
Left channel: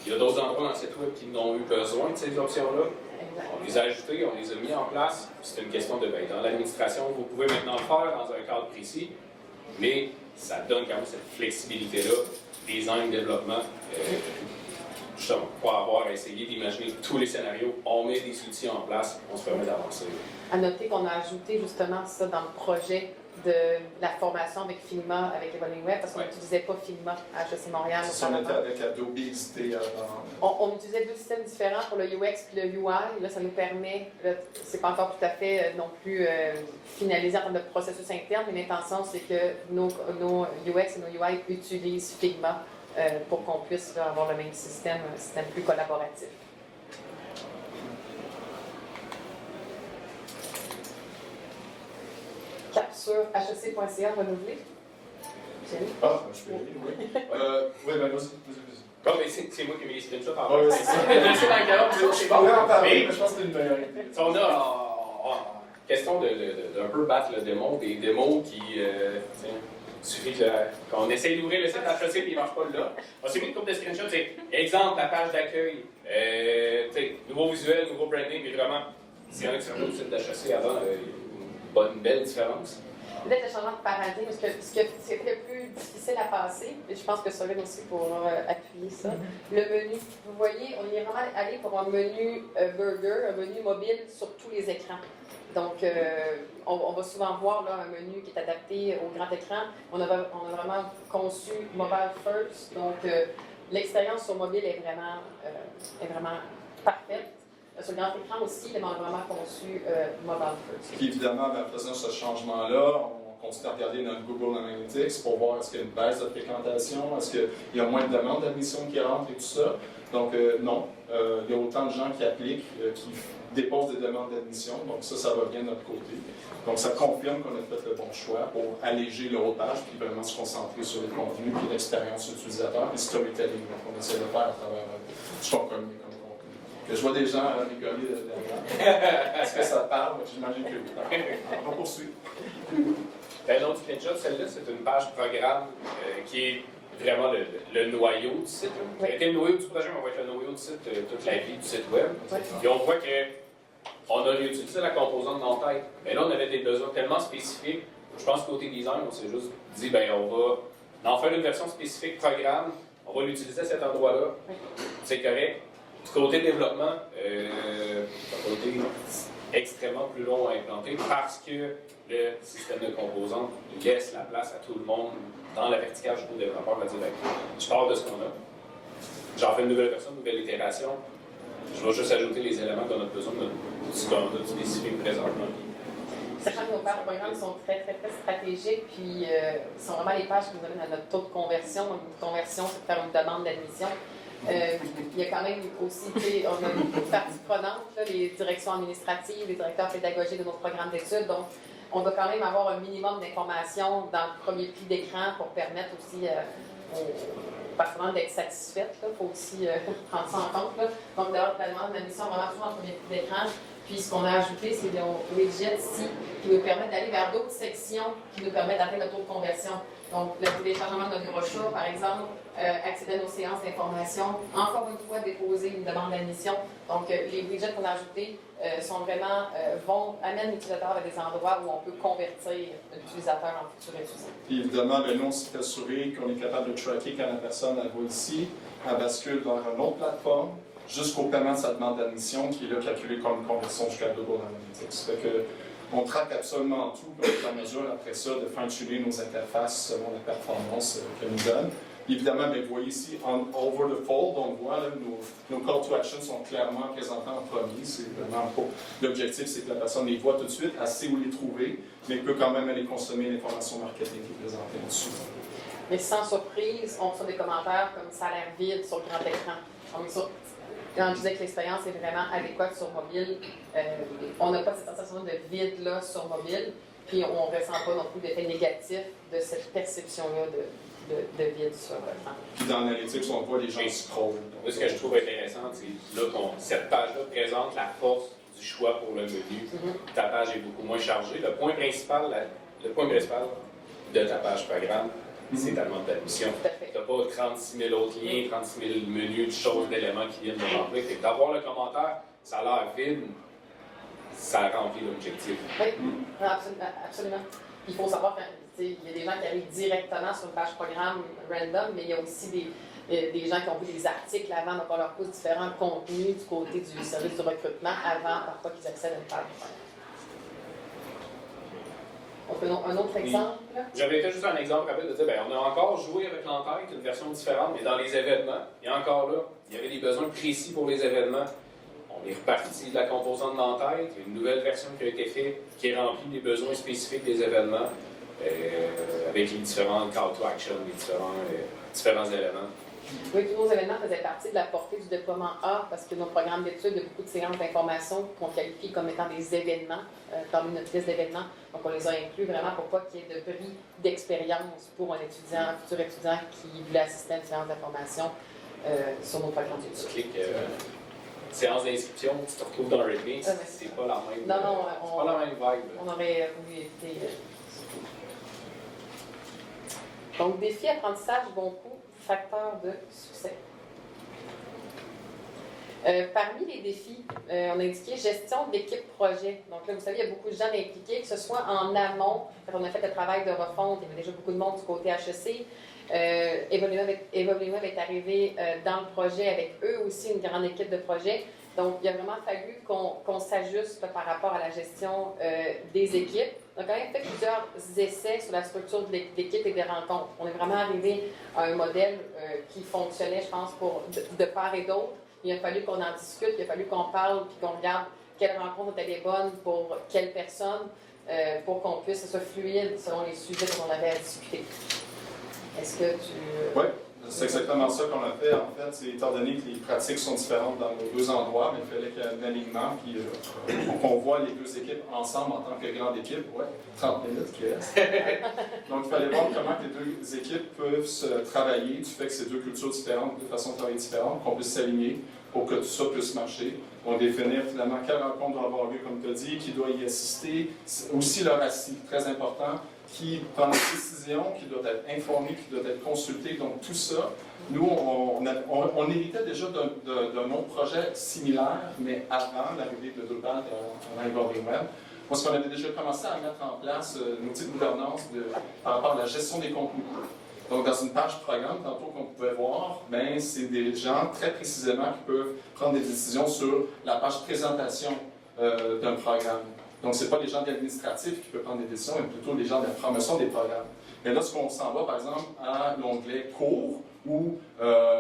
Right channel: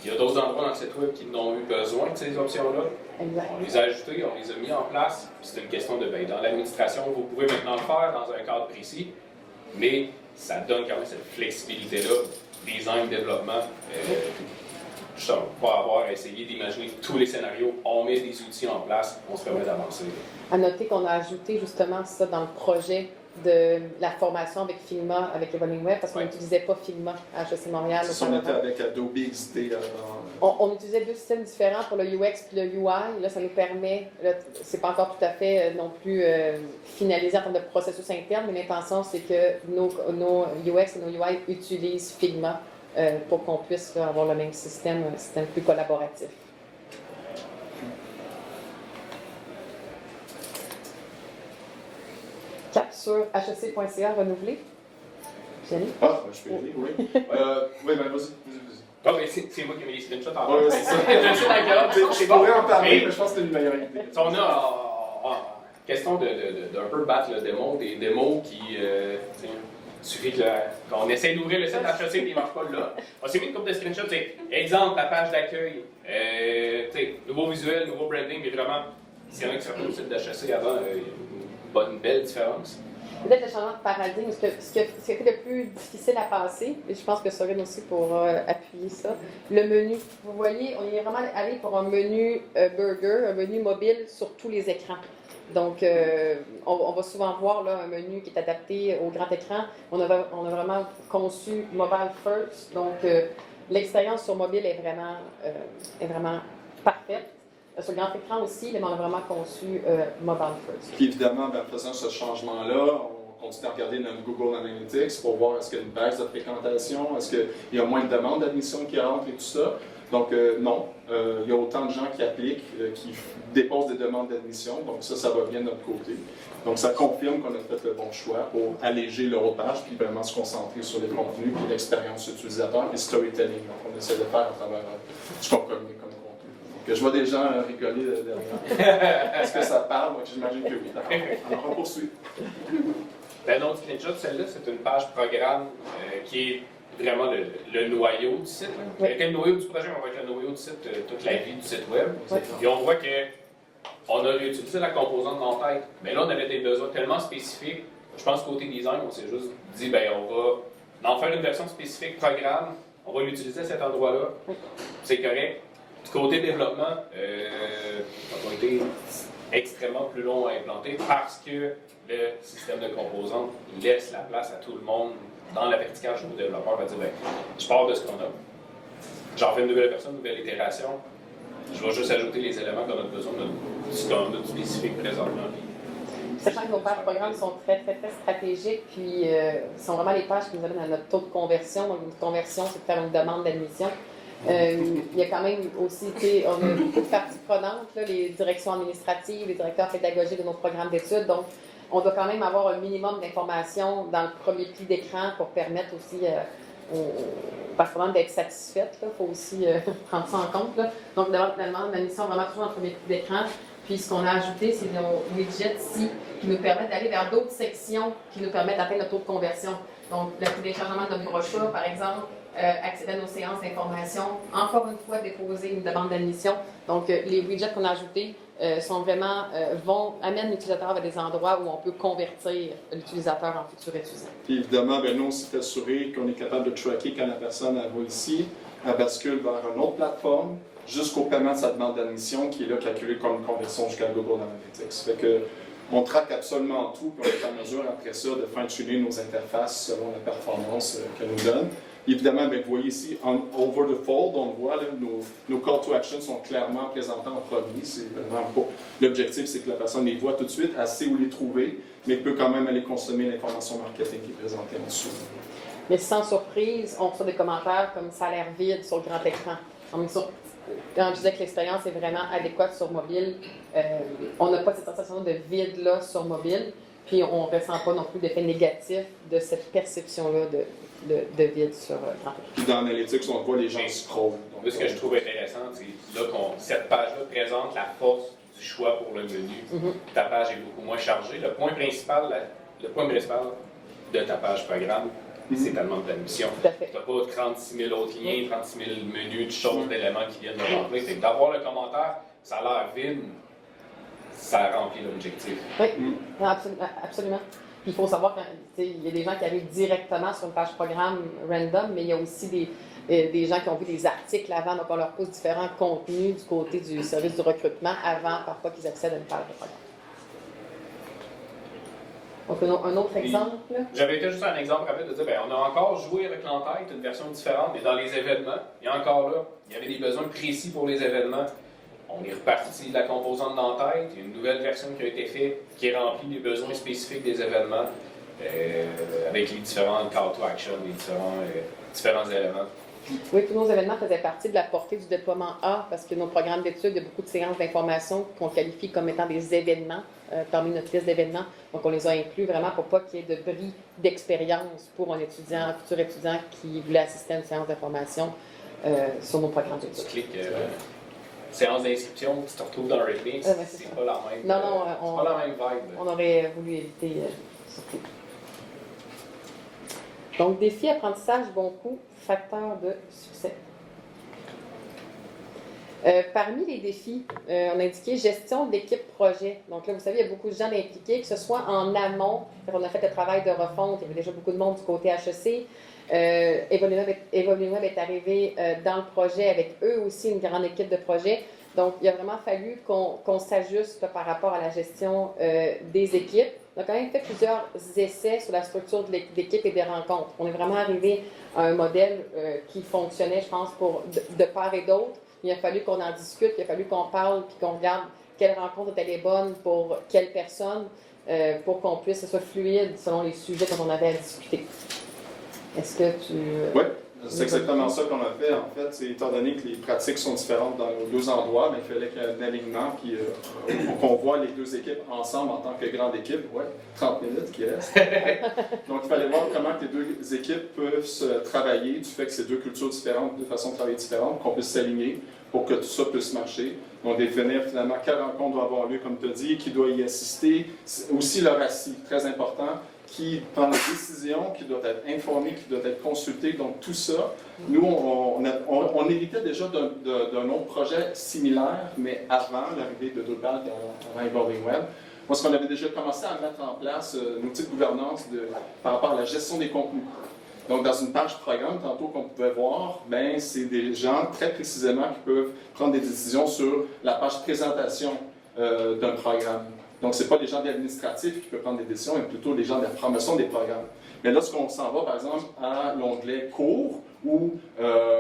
Il y a d'autres endroits dans le site web qui n'ont eu besoin de ces options-là. On les a ajoutées, on les a mis en place. C'est une question de, dans l'administration, vous pouvez maintenant le faire dans un cadre précis, mais ça donne quand même cette flexibilité-là, design, développement, justement, pour avoir essayé d'imaginer tous les scénarios, on met des outils en place, on se permet d'avancer. À noter qu'on a ajouté justement ça dans le projet de la formation avec Figma, avec Evolving Web, parce qu'on n'utilisait pas Figma à HEC Montréal. On était avec Adobe XD. On utilisait deux systèmes différents pour le UX et le UI. Là, ça nous permet, c'est pas encore tout à fait non plus finalisé en termes de processus interne, mais l'intention, c'est que nos UX et nos UI utilisent Figma pour qu'on puisse avoir le même système, un système plus collaboratif. Cap sur hec.ca renouvelé. Jenny? Ah, je peux y aller, oui. Oui, vas-y. Ah, mais c'est moi qui ai mis les screenshots en bas. Oui, c'est ça. Je pourrais en parler, mais je pense que c'est une meilleure idée. On a en question d'un peu battre le démon, des démos qui... il suffit qu'on essaie d'ouvrir le site HEC et il ne marche pas là. On s'est mis une couple de screenshots, exemple, la page d'accueil, nouveau visuel, nouveau branding, mais vraiment, s'il y en a qui sont le site d'HEC avant, une belle différence. Peut-être le changement de paradigme, ce qui a été le plus difficile à passer, et je pense que ça vient aussi pour appuyer ça, le menu. Vous voyez, on est vraiment allé pour un menu burger, un menu mobile sur tous les écrans. Donc, on va souvent voir là, un menu qui est adapté au grand écran. On a vraiment conçu mobile first, donc l'expérience sur mobile est vraiment parfaite. Sur le grand écran aussi, mais on a vraiment conçu mobile first. Puis évidemment, en faisant ce changement-là, on continue à regarder notre Google Analytics pour voir est-ce qu'il y a une baisse de fréquentation, est-ce qu'il y a moins de demandes d'admission qui rentrent et tout ça. Donc non, il y a autant de gens qui appliquent, qui déposent des demandes d'admission, donc ça va bien de notre côté. Donc ça confirme qu'on a fait le bon choix pour alléger le haut de page, puis vraiment se concentrer sur les contenus, puis l'expérience utilisateur, et storytelling. Donc on essaie de faire à travers ce qu'on connaît comme contenu. Donc je vois des gens rigoler derrière. Est-ce que ça parle? J'imagine que oui. On poursuit. L'autre screenshot, celle-là, c'est une page programme qui est vraiment le noyau du site. Oui. Avec le noyau du projet, on va être le noyau du site, toute la vie du site web. Oui. Puis on voit qu'on a réutilisé la composante d'entête. Mais là, on avait des besoins tellement spécifiques. Je pense côté design, on s'est juste dit, ben on va en faire une version spécifique programme. On va l'utiliser à cet endroit-là. C'est correct. Du côté développement, ça a été extrêmement plus long à implanter parce que le système de composantes laisse la place à tout le monde dans la verticale. Le développeur va dire, ben, je pars de ce qu'on a. J'en fais une nouvelle version, une nouvelle itération. Je vais juste ajouter les éléments qu'on a besoin de ce qu'on a spécifique présentement. Sachant que nos pages programmes sont très stratégiques, puis sont vraiment les pages qui nous amènent à notre taux de conversion. Donc, une conversion, c'est de faire une demande d'admission. Il y a quand même aussi, on a beaucoup de parties prenantes, là, les directions administratives, les directeurs pédagogiques de nos programmes d'études. Donc, on doit quand même avoir un minimum d'informations dans le premier pli d'écran pour permettre aussi aux parties prenantes d'être satisfaites. Il faut aussi prendre ça en compte. Là. Donc, d'avoir la demande d'admission vraiment toujours dans le premier pli d'écran. Puis ce qu'on a ajouté, c'est nos widgets ici qui nous permettent d'aller vers d'autres sections qui nous permettent d'atteindre le taux de conversion. Donc, le téléchargement de notre brochure, par exemple, accéder à nos séances d'information, encore une fois, déposer une demande d'admission. Donc, les widgets qu'on a ajoutés sont vraiment, amènent l'utilisateur à des endroits où on peut convertir l'utilisateur en futur étudiant. Puis évidemment, ben, nous, on s'est assuré qu'on est capable de tracker quand la personne elle va ici, elle bascule vers une autre plateforme, jusqu'au paiement de sa demande d'admission, qui est là calculé comme une conversion jusqu'à Google Analytics. Ça fait que on traque absolument tout, puis on est en mesure après ça de fine-tuner nos interfaces selon la performance qu'elle nous donne. Évidemment, bien, vous voyez ici, over the fold, on voit là, nos call to action sont clairement présentés en premier. C'est vraiment pas. L'objectif, c'est que la personne les voit tout de suite, elle sait où les trouver, mais peut quand même aller consommer l'information marketing qui est présentée en dessous. Mais sans surprise, on reçoit des commentaires comme ça a l'air vide sur le grand écran. Quand je disais que l'expérience est vraiment adéquate sur mobile, on n'a pas cette sensation de vide-là sur mobile, puis on ne ressent pas non plus d'effet négatif de cette perception-là de vide sur grand écran. Puis dans Analytics, on voit les gens scroll. Ce que je trouve intéressant, c'est là cette page-là présente la force du choix pour le menu. Ta page est beaucoup moins chargée. Le point principal de ta page programme, c'est ta demande d'admission. Tu n'as pas 36 000 autres liens, 36 000 menus, de choses, d'éléments qui viennent de rentrer. C'est d'avoir le commentaire, ça a l'air vide, ça remplit l'objectif. Oui, non, absolument. Puis il faut savoir qu'il y a des gens qui arrivent directement sur une page programme random, mais il y a aussi des gens qui ont vu des articles avant, donc on leur pose différents contenus du côté du service du recrutement avant, parfois qu'ils accèdent à une page de programme. On fait un autre exemple. J'avais été juste un exemple rapide de dire, on a encore joué avec l'entête, une version différente, mais dans les événements, il y a encore là, il y avait des besoins précis pour les événements. On est reparti de la composante d'entête, il y a une nouvelle version qui a été faite, qui remplit les besoins spécifiques des événements, avec les différents call to action, les différents éléments. Oui, tous nos événements faisaient partie de la portée du déploiement A, parce que nos programmes d'études, il y a beaucoup de séances d'information qu'on qualifie comme étant des événements, parmi notre liste d'événements. Donc, on les a inclus vraiment pour pas qu'il y ait de bris d'expérience pour un futur étudiant qui voulait assister à une séance d'information sur nos programmes d'études. Tu cliques séance d'inscription, tu te retrouves dans Readme, c'est pas la même. Non, c'est pas la même vibe. On aurait voulu éviter ça. Donc, défi, apprentissage, bon coup, facteur de succès. Parmi les défis, on a indiqué gestion d'équipe projet. Donc là, vous savez, il y a beaucoup de gens impliqués, que ce soit en amont, quand on a fait le travail de refonte, il y avait déjà beaucoup de monde du côté HEC. Evoluweb est arrivé dans le projet avec eux aussi une grande équipe de projet. Donc, il a vraiment fallu qu'on s'ajuste par rapport à la gestion des équipes. On a quand même fait plusieurs essais sur la structure de l'équipe et des rencontres. On est vraiment arrivé à un modèle qui fonctionnait, je pense, de part et d'autre. Il a fallu qu'on en discute, il a fallu qu'on parle puis qu'on regarde quelle rencontre était les bonnes pour quelle personne pour qu'on puisse être fluide selon les sujets dont on avait à discuter. Est-ce que tu... Oui, c'est exactement ça qu'on a fait. En fait, c'est étant donné que les pratiques sont différentes dans nos deux endroits, mais il fallait qu'il y ait un alignement, puis qu'on voit les deux équipes ensemble en tant que grande équipe. Oui, 30 minutes qui restent. Donc, il fallait voir comment les deux équipes peuvent se travailler, du fait que c'est deux cultures différentes, deux façons de travailler différentes, qu'on puisse s'aligner pour que tout ça puisse marcher. Donc, définir finalement quelle rencontre doit avoir lieu, comme tu as dit, qui doit y assister. Aussi le RACI, très important, qui prend des décisions, qui doit être informé, qui doit être consulté. Donc, tout ça, nous, on héritait déjà d'un autre projet similaire, mais avant l'arrivée de Drupal dans Evolving Web. Parce qu'on avait déjà commencé à mettre en place un outil de gouvernance par rapport à la gestion des contenus. Donc, dans une page programme, tantôt qu'on pouvait voir, ben, c'est des gens très précisément qui peuvent prendre des décisions sur la page présentation d'un programme. Donc, ce n'est pas les gens de l'administratif qui peuvent prendre des décisions, mais plutôt les gens de la promotion des programmes. Mais lorsqu'on s'en va, par exemple, à l'onglet cours ou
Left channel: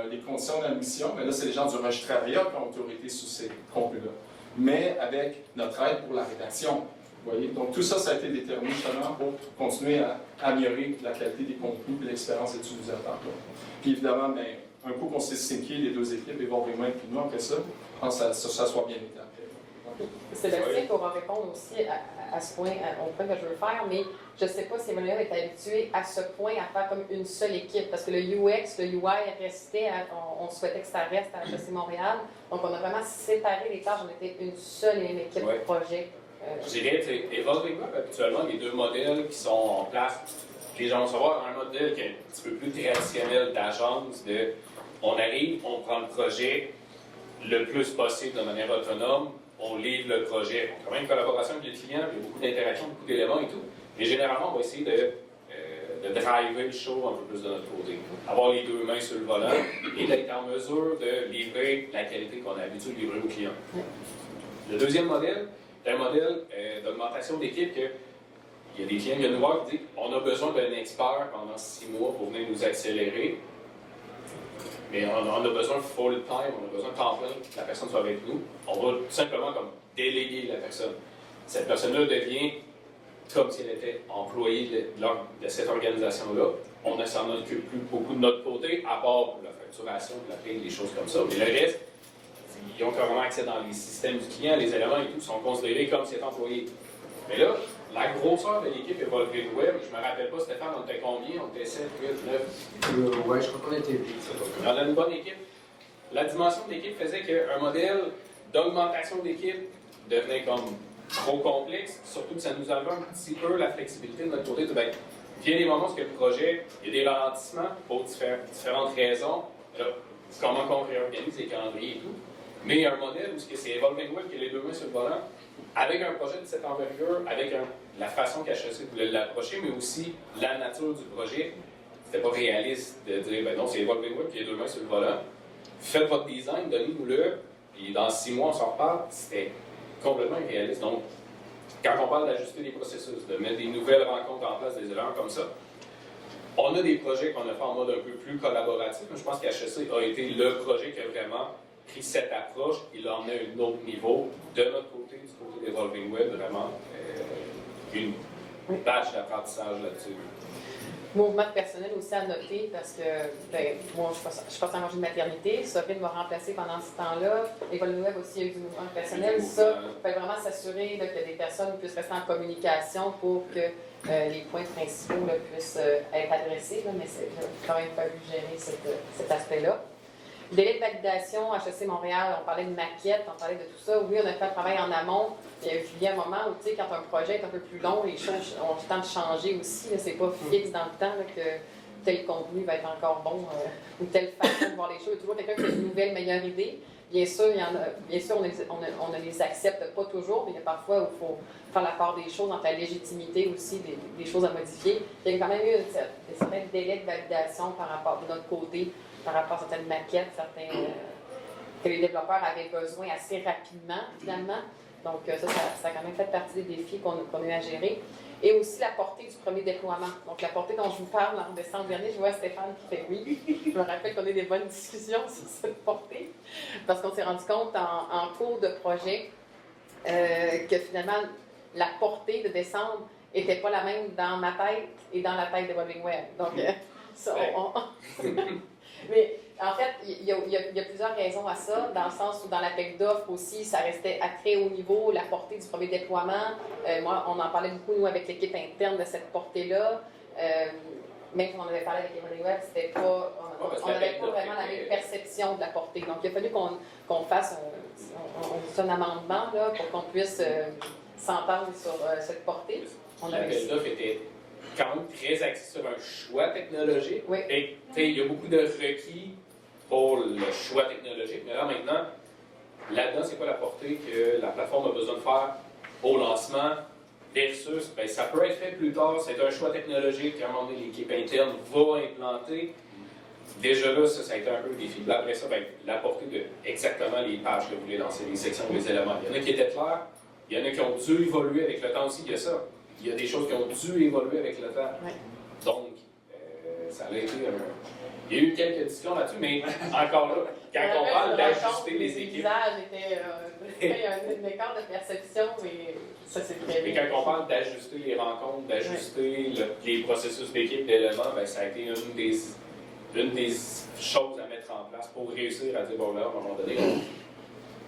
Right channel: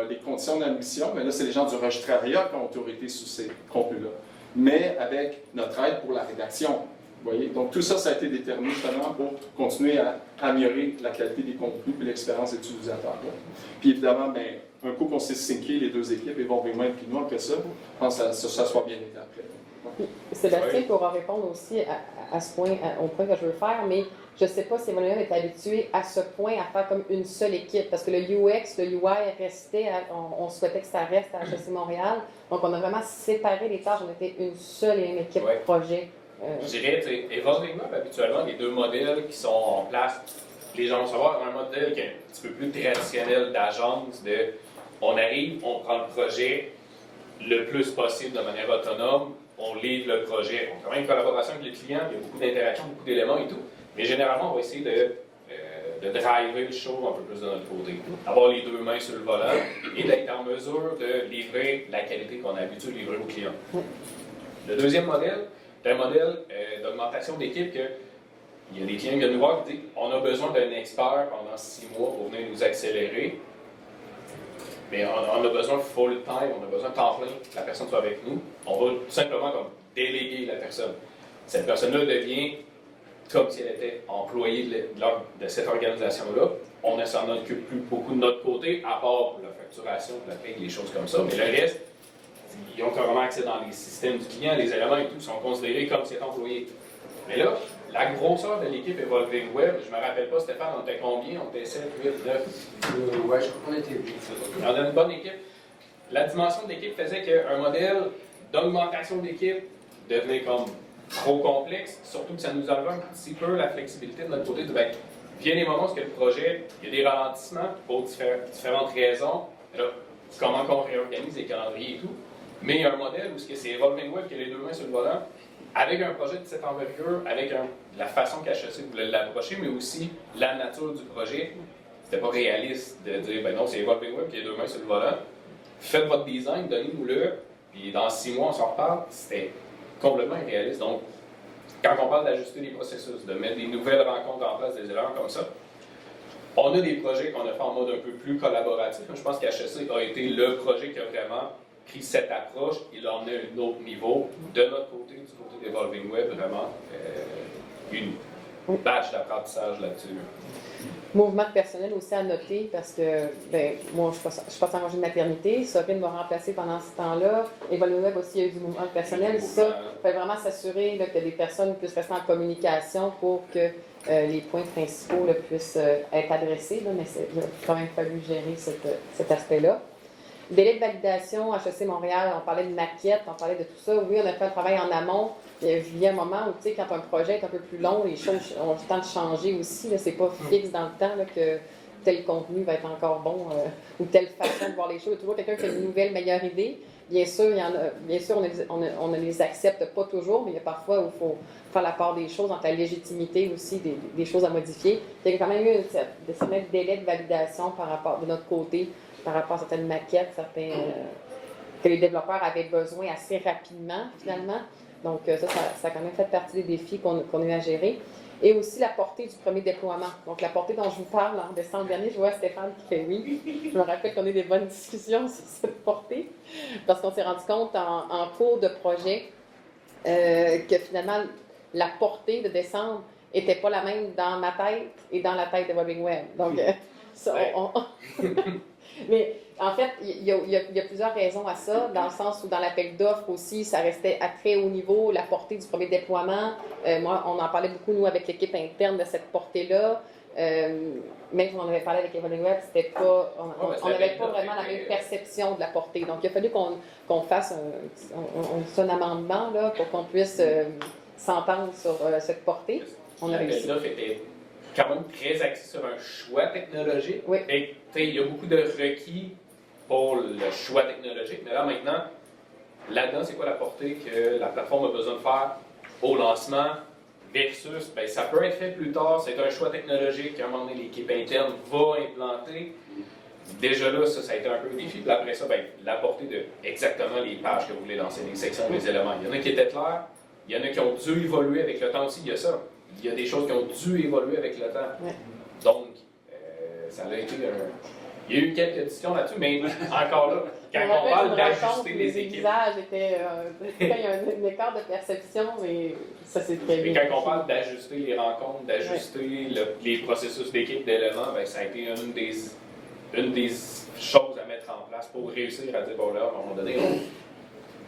les conditions d'admission, mais là, c'est les gens du registrariat qui ont autorité sur ces contenus-là. Mais avec notre aide pour la rédaction. Vous voyez? Donc, tout ça, ça a été déterminé justement pour continuer à améliorer la qualité des contenus et l'expérience utilisateur. Puis évidemment, mais, un coup qu'on s'est syncé les deux équipes, Evolving Web et nous, après ça, je pense que ça soit bien été après. Sébastien pourra répondre aussi à ce point, au point que je veux faire, mais je ne sais pas si Evolving Web est habitué à ce point à faire comme une seule équipe, parce que le UX, le UI restait, on souhaitait que ça reste à HEC Montréal, donc on a vraiment séparé les tâches, on était une seule et même équipe projet. Je dirais, Evolving Web, habituellement, les deux modèles qui sont en place, les gens vont savoir un modèle qui est un petit peu plus traditionnel d'agence, on arrive, on prend le projet le plus possible de manière autonome, on livre le projet. On a quand même une collaboration avec les clients, il y a beaucoup d'interactions, beaucoup d'éléments et tout, mais généralement, on va essayer de driver le show un peu plus de notre côté. Avoir les deux mains sur le volant et d'être en mesure de livrer la qualité qu'on a l'habitude de livrer aux clients. Le deuxième modèle, c'est un modèle d'augmentation d'équipe que il y a des clients qui viennent nous voir qui disent on a besoin d'un expert pendant 6 mois pour venir nous accélérer. Mais on a besoin full-time, on a besoin de temps plein que la personne soit avec nous. On va tout simplement comme déléguer la personne. Cette personne-là devient comme si elle était employée de cette organisation-là. On ne s'en occupe plus beaucoup de notre côté, à part la facturation, la paie, des choses comme ça. Mais le reste, ils ont carrément accès dans les systèmes du client, les éléments et tout sont considérés comme si étant employés. Mais là, la grosseur de l'équipe Evolving Web, je ne me rappelle pas, Stéphane, on était combien? On était 7, 8, 9? Ouais, je crois qu'on était 8. On a une bonne équipe. La dimension de l'équipe faisait qu'un modèle d'augmentation d'équipe devenait comme trop complexe, surtout que ça nous enlevait un petit peu la flexibilité de notre côté. Ben, il y a des moments où le projet, il y a des ralentissements pour différentes raisons. Là, comment on réorganise les calendriers et tout. Mais il y a un modèle où c'est Evolving Web qui a les deux mains sur le volant, avec un projet de cette envergure, avec la façon qu'HEC voulait l'approcher, mais aussi la nature du projet. C'était pas réaliste de dire, ben non, c'est Evolving Web qui a les deux mains sur le volant. Faites votre design, donnez-nous-le, puis dans 6 mois, on s'en reparle. C'était complètement irréaliste. Donc, quand on parle d'ajuster les processus, de mettre des nouvelles rencontres en place, des erreurs comme ça, on a des projets qu'on a fait en mode un peu plus collaboratif. Je pense qu'HEC a été le projet qui a vraiment pris cette approche, il en a un autre niveau. De notre côté, du côté d'Evolving Web, vraiment une badge d'apprentissage là-dessus. Mouvement de personnel aussi à noter parce que ben, moi, je suis pas en congé de maternité. Sophie m'a remplacé pendant ce temps-là. Evolving Web aussi, il y a eu du mouvement de personnel. Ça, il faut vraiment s'assurer là, que des personnes puissent rester en communication pour que les points principaux là, puissent être adressés. Là, mais il a quand même fallu gérer cet aspect-là. Délai de validation, HEC Montréal, on parlait de maquette, on parlait de tout ça. Oui, on a fait un travail en amont. Il y a un moment où, tu sais, quand un projet est un peu plus long, les choses ont le temps de changer aussi. C'est pas fixe dans le temps là, que tel contenu va être encore bon ou telle façon de voir les choses. Il y a toujours quelqu'un qui a une nouvelle, meilleure idée. Bien sûr, on ne les accepte pas toujours, mais il y a parfois où il faut faire la part des choses, entre la légitimité aussi des choses à modifier. Il y a quand même eu certains délais de validation par rapport de notre côté, par rapport à certaines maquettes, que les développeurs avaient besoin assez rapidement, finalement. Donc, ça a quand même fait partie des défis qu'on a eu à gérer. Et aussi la portée du premier déploiement. Donc, la portée dont je vous parle en décembre dernier, je vois Stéphane qui fait oui. Je me rappelle qu'on a eu des bonnes discussions sur cette portée, parce qu'on s'est rendu compte en cours de projet que finalement, la portée de décembre n'était pas la même dans ma tête et dans la tête de Evolving Web. Donc, mais en fait, il y a plusieurs raisons à ça, dans le sens où dans l'appel d'offres aussi, ça restait à très haut niveau, la portée du premier déploiement. Moi, on en parlait beaucoup, nous, avec l'équipe interne de cette portée-là. Même quand on avait parlé avec Evelyn Webb, c'était pas, on n'avait pas vraiment la même était- perception de la portée. Donc, il a fallu qu'on fasse un amendement là, pour qu'on puisse s'entendre sur cette portée. On a réussi. L'appel d'offres était quand même très axé sur un choix technologique. Oui. Et, tu sais, il y a beaucoup de requis pour le choix technologique. Mais là, maintenant, là-dedans, c'est quoi la portée que la plateforme a besoin de faire au lancement versus, ben, ça peut être fait plus tard, c'est un choix technologique qu'à un moment donné, l'équipe interne va implanter. Déjà là, ça a été un peu le défi. Puis après ça, ben, la portée de exactement les pages que vous voulez lancer, les sections, les éléments. Il y en a qui étaient clairs, il y en a qui ont dû évoluer avec le temps aussi, il y a ça. Il y a des choses qui ont dû évoluer avec le temps. Ouais. Donc, ça a été il y a eu quelques discussions là-dessus, mais encore là, quand on parle d'ajuster les équipes. visages étaient. Il y a un écart de perception, mais ça c'est très Mais bien. quand on parle d'ajuster les rencontres, d'ajuster les processus d'équipe, d'éléments, ben, ça a été une des choses à mettre en place pour réussir à dire, bon là, à un moment donné,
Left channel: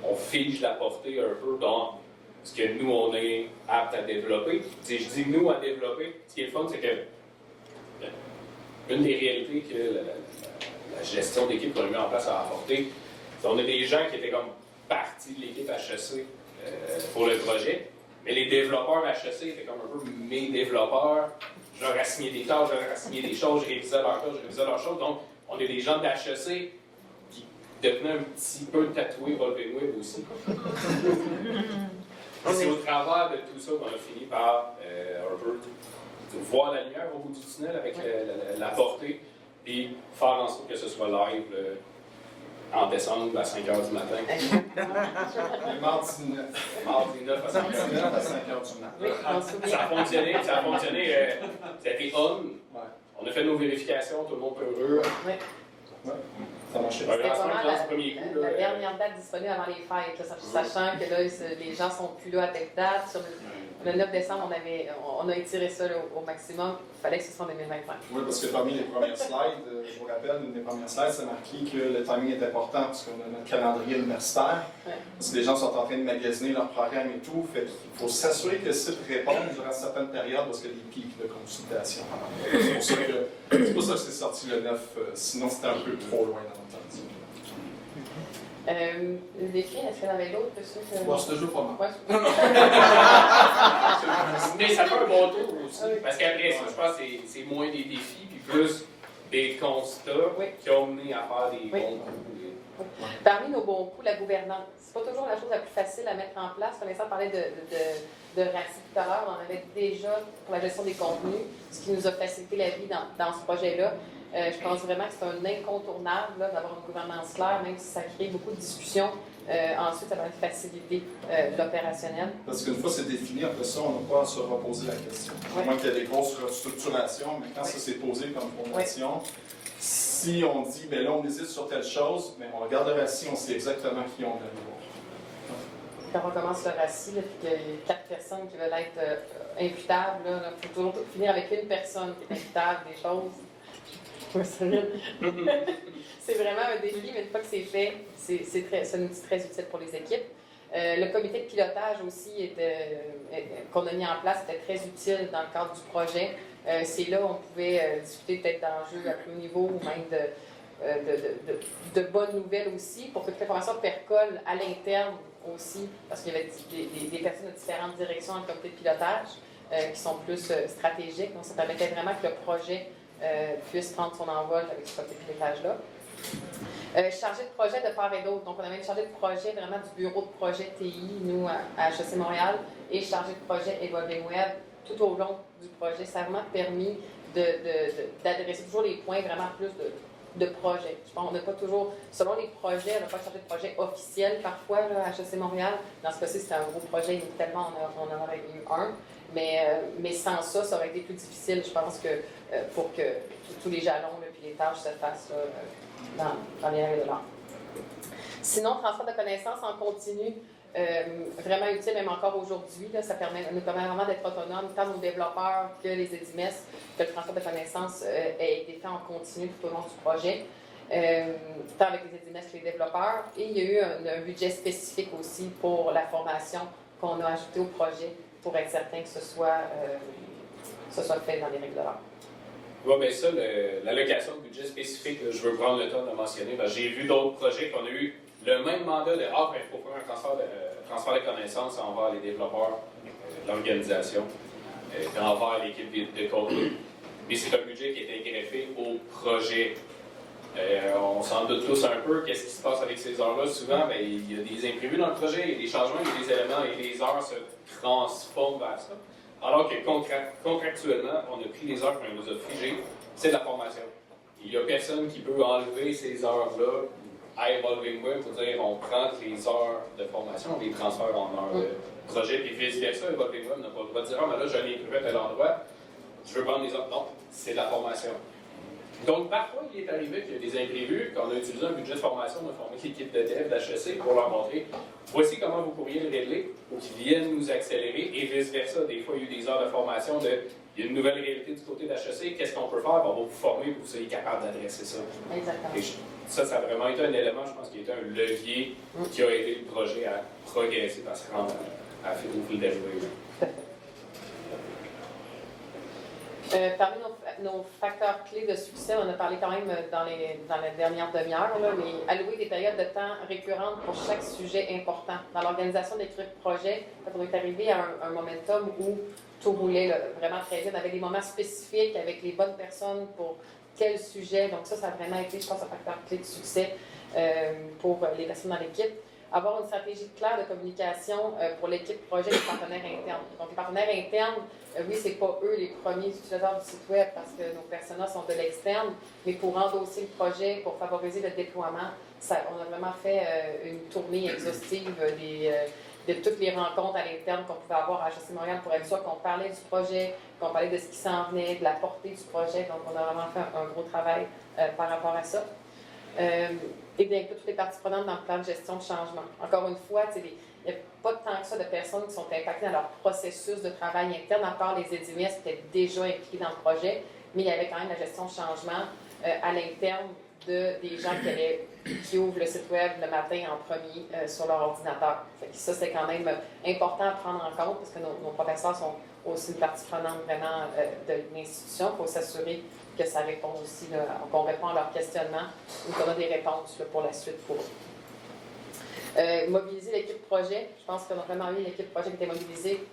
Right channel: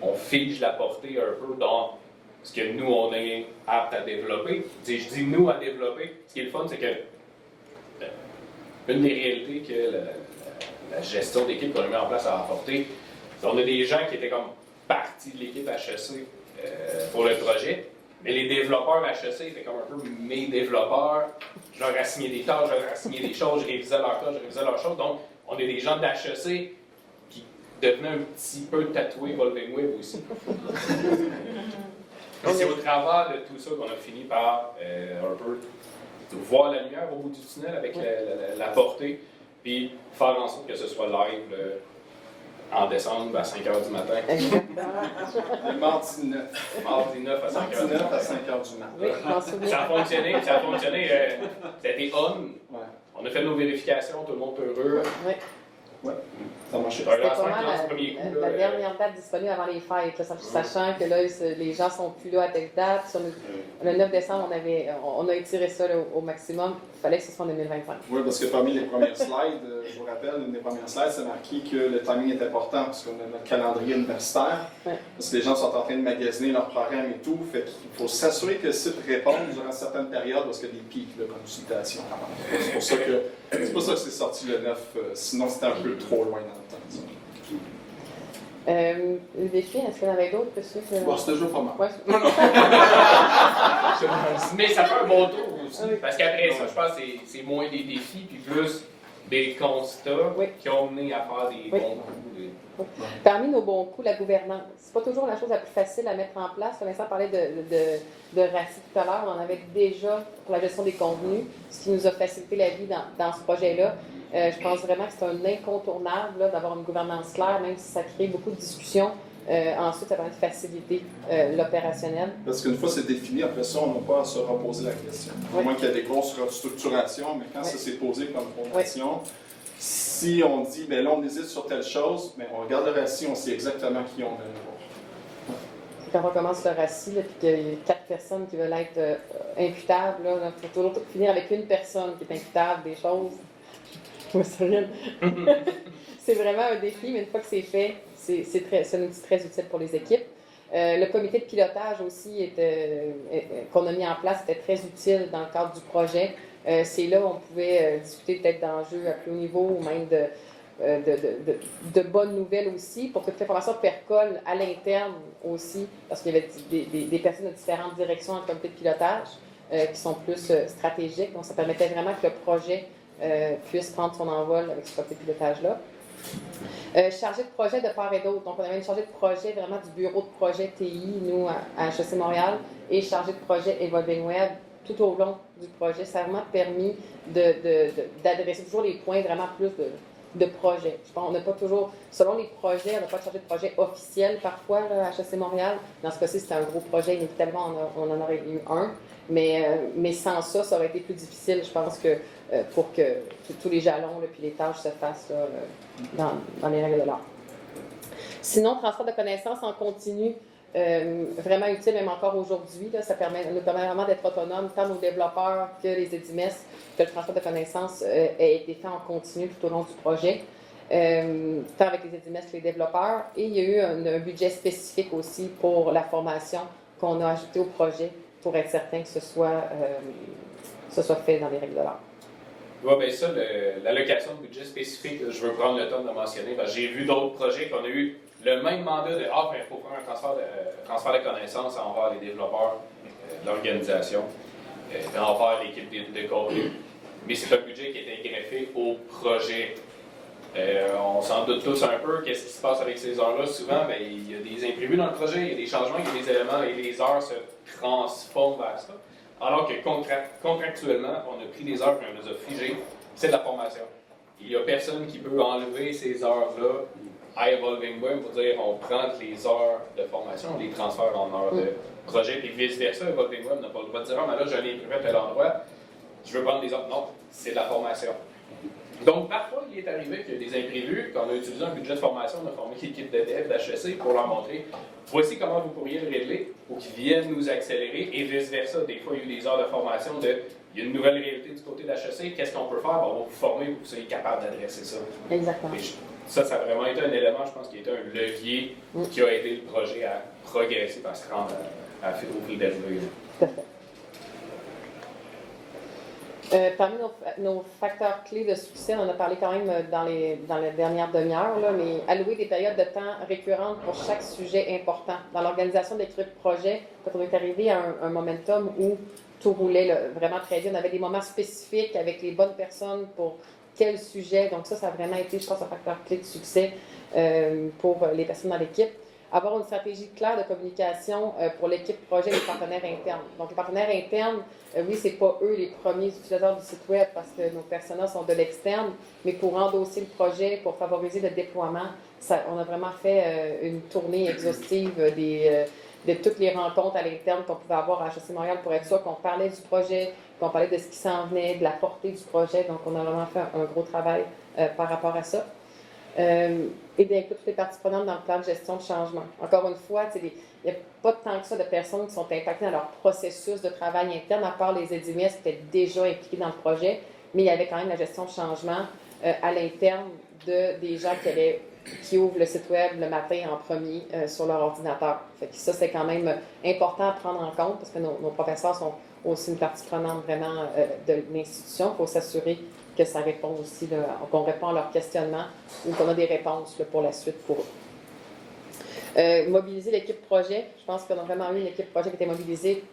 on fige la portée un peu dans ce que nous, on est apte à développer. Je dis nous à développer. Ce qui est le fun, c'est que une des réalités que la gestion d'équipe qu'on a mis en place a apporté, c'est qu'on a des gens qui étaient comme partie de l'équipe HEC pour le projet, mais les développeurs HEC étaient comme un peu mes développeurs. Je leur assigné des tâches, je leur assigné des choses, je révisais leurs tâches, je révisais leurs choses. Donc, on a des gens de HEC qui devenaient un petit peu tatoués Volving Web aussi. Et c'est au travers de tout ça qu'on a fini par un peu voir la lumière au bout du tunnel avec la portée, puis faire en sorte que ce soit live en décembre à 5 h du matin. Exactement. Mardi 9. Mardi 9 à 5 h. Mardi 9 à 5 h du matin. Oui, je m'en souviens. Ça a fonctionné, ça a été on. Ouais. On a fait nos vérifications, tout le monde est heureux. Oui. Ouais. Ça marchait. C'était pas mal la dernière date disponible avant les fêtes, là, sachant que là, les gens sont plus là à telle date. Sur le 9 décembre, on a étiré ça là, au maximum. Il fallait que ce soit en 2025. Oui, parce que parmi les premières slides, je vous rappelle, une des premières slides, c'est marqué que le timing est important parce qu'on a notre calendrier universitaire. Ouais. Parce que les gens sont en train de magasiner leur programme et tout. Fait qu'il faut s'assurer que le site réponde durant certaines périodes parce qu'il y a des pics de consultation. C'est pour ça que c'est sorti le 9, sinon c'était un peu trop loin dans le temps. Le défi, est-ce qu'il y en avait d'autres que ça? Bon, c'était juste pas mal. Ouais. Mais ça fait un bon tour aussi. Oui. Parce qu'après ça, je pense que c'est moins des défis, puis plus des constats Oui. qui ont mené à faire des Oui. bons coups. Parmi nos bons coups, la gouvernance. C'est pas toujours la chose la plus facile à mettre en place. Vincent parlait de RACI tout à l'heure. On en avait déjà pour la gestion des contenus, ce qui nous a facilité la vie dans ce projet-là. Je pense vraiment que c'est un incontournable là, d'avoir une gouvernance claire, même si ça crée beaucoup de discussions. Ensuite, ça permet de faciliter l'opérationnel. Parce qu'une fois c'est défini, après ça, on n'a pas à se reposer la question. Oui. À moins qu'il y ait des grosses restructurations, mais quand ça s'est posé comme fondation, si on dit, bien là, on hésite sur telle chose, mais on regarde le RACI, on sait exactement qui on est. Quand on commence le RACI, puis qu'il y a 4 personnes qui veulent être imputables, il faut toujours finir avec une personne qui est imputable des choses. C'est vraiment un défi, mais une fois que c'est fait, c'est un outil très utile pour les équipes. Le comité de pilotage aussi qu'on a mis en place était très utile dans le cadre du projet. C'est là où on pouvait discuter peut-être d'enjeux à plus haut niveau ou même de bonnes nouvelles aussi, pour que toute l'information percole à l'interne aussi, parce qu'il y avait des personnes de différentes directions en comité de pilotage qui sont plus stratégiques. Donc, ça permettait vraiment que le projet puisse prendre son envol avec ce comité de pilotage-là. Chargé de projet de part et d'autre. Donc, on avait une chargée de projet vraiment du bureau de projet TI, nous, à HEC Montréal, et chargée de projet Evolving Web tout au long du projet. Ça a vraiment permis d'adresser toujours les points vraiment plus de projet. Je pense qu'on n'a pas toujours, selon les projets, on n'a pas de chargé de projet officiel parfois là, à HEC Montréal. Dans ce cas-ci, c'était un gros projet, inévitablement, on en aurait eu un. Mais sans ça, ça aurait été plus difficile, je pense, que pour que tous les jalons et les tâches se fassent là, dans les règles de l'art. Sinon, transfert de connaissances en continu, vraiment utile même encore aujourd'hui. Là, ça nous permet vraiment d'être autonomes, tant nos développeurs que les EDIMES, que le transfert de connaissances ait été fait en continu tout au long du projet, tant avec les EDIMES que les développeurs. Et il y a eu un budget spécifique aussi pour la formation qu'on a ajouté au projet pour être certain que ce soit fait dans les règles de l'art. Oui, bien ça, l'allocation de budget spécifique, je veux prendre le temps de mentionner, parce que j'ai vu d'autres projets qu'on a eu le même mandat de mais il faut faire un transfert de connaissances envers les développeurs, l'organisation, envers l'équipe de contenu. Mais c'est un budget qui était greffé au projet. On s'en doute tous un peu, qu'est-ce qui se passe avec ces heures-là. Souvent, ben, il y a des imprévus dans le projet, il y a des changements, il y a des éléments et les heures se transforment vers ça. Alors que contractuellement, on a pris des heures qu'on nous a figées, c'est de la formation. Il n'y a personne qui peut enlever ces heures-là à Evolving Web pour dire on prend les heures de formation, on les transfère en heures de projet, et vice-versa. Evolving Web n'a pas le droit de dire mais là, je l'ai imprimé à tel endroit, je veux prendre des heures. Non, c'est de la formation. Donc, parfois, il est arrivé qu'il y a des imprévus, qu'on a utilisé un budget de formation, on a formé l'équipe de dev d'HEC pour leur montrer voici comment vous pourriez le régler pour qu'ils viennent nous accélérer et vice-versa. Des fois, il y a eu des heures de formation il y a une nouvelle réalité du côté d'HEC, qu'est-ce qu'on peut faire? On va vous former pour que vous soyez capable d'adresser ça. Exactement. Et ça a vraiment été un élément, je pense, qui a été un levier qui a aidé le projet à progresser, à se rendre au fil d'arrivée. Tout à fait. Parmi nos facteurs clés de succès, on en a parlé quand même dans les dernières demi-heures, mais allouer des périodes de temps récurrentes pour chaque sujet important. Dans l'organisation de l'équipe de projet, quand on est arrivé à un momentum où tout roulait vraiment très bien, on avait des moments spécifiques avec les bonnes personnes pour quel sujet. Donc ça a vraiment été, je pense, un facteur clé de succès pour les personnes dans l'équipe. Avoir une stratégie claire de communication pour l'équipe projet et les partenaires internes. Donc, les partenaires internes, oui, c'est pas eux les premiers utilisateurs du site web parce que nos personas sont de l'externe, mais pour endosser le projet, pour favoriser le déploiement, on a vraiment fait une tournée exhaustive de toutes les rencontres à l'interne qu'on pouvait avoir à HEC Montréal pour être sûr qu'on parlait du projet, qu'on parlait de ce qui s'en venait, de la portée du projet. Donc, on a vraiment fait un gros travail par rapport à ça. Et d'inclure toutes les parties prenantes dans le plan de gestion de changement. Encore une fois, il n'y a pas tant que ça de personnes qui sont impactées dans leur processus de travail interne, à part les EDIMES qui étaient déjà impliqués dans le projet, mais il y avait quand même la gestion de changement à l'interne des gens qui ouvrent le site web le matin en premier sur leur ordinateur. Fait que ça, c'est quand même important à prendre en compte parce que nos professeurs sont aussi une partie prenante vraiment de l'institution. Il faut s'assurer que ça répond aussi, qu'on répond à leurs questionnements ou qu'on a des réponses pour la suite pour eux. Mobiliser l'équipe projet. Je pense qu'on a vraiment eu une équipe projet qui était mobilisée.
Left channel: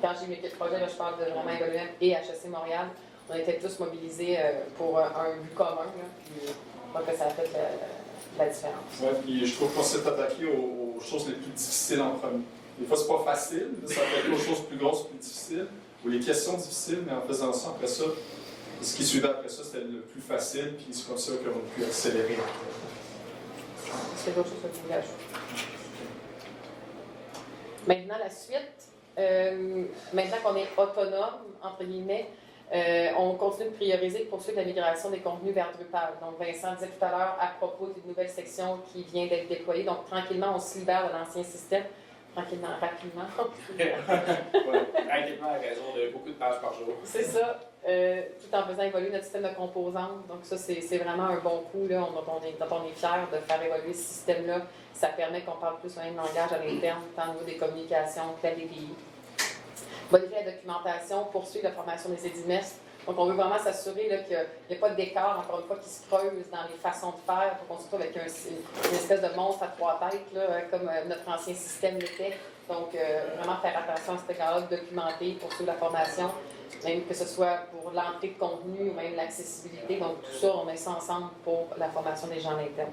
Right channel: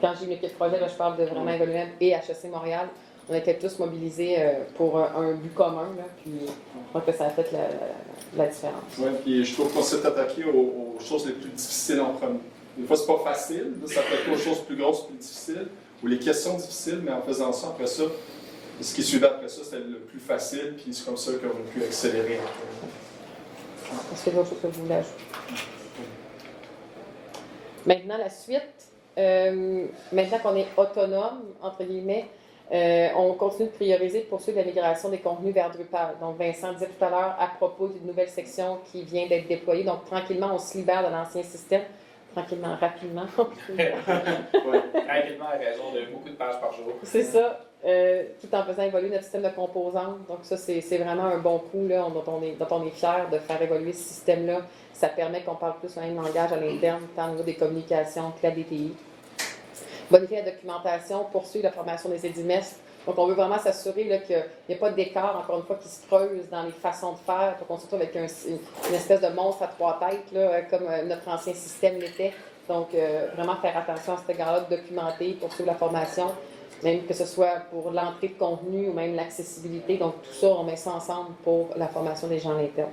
Quand j'ai une équipe projet, là, je parle de vraiment Evolving et HEC Montréal. On était tous mobilisés pour un but commun. Là, puis je crois que ça a fait la différence. Oui, et je trouve qu'on s'est attaqué aux choses les plus difficiles en premier. Des fois, c'est pas facile de s'attaquer aux choses plus grosses, plus difficiles, ou les questions difficiles, mais en faisant ça, après ça, ce qui suivait après ça, c'était le plus facile, puis c'est comme ça qu'on a pu accélérer. Est-ce qu'il y a d'autres choses que vous voulez ajouter? Maintenant, la suite. Maintenant qu'on est autonome, entre guillemets, on continue de prioriser pour poursuivre la migration des contenus vers Drupal. Donc, Vincent disait tout à l'heure à propos d'une nouvelle section qui vient d'être déployée. Donc, tranquillement, on se libère de l'ancien système. Tranquillement, rapidement. Oui, tranquillement à raison de beaucoup de pages par jour. C'est ça. Tout en faisant évoluer notre système de composantes. Donc ça, c'est vraiment un bon coup là, dont on est fiers de faire évoluer ce système-là. Ça permet qu'on parle plus le même langage à l'interne, tant au niveau des communications que la DPI. Bonifier la documentation, poursuivre la formation des EDIMES. Donc on veut vraiment s'assurer qu'il n'y a pas d'écart, encore une fois, qui se creuse dans les façons de faire pour qu'on se retrouve avec une espèce de monstre à trois têtes, là, comme notre ancien système l'était. Donc vraiment faire attention à cet égard-là, de documenter, poursuivre la formation. Même que ce soit pour l'entrée de contenu ou même l'accessibilité. Donc, tout ça, on met ça ensemble pour la formation des gens à l'interne.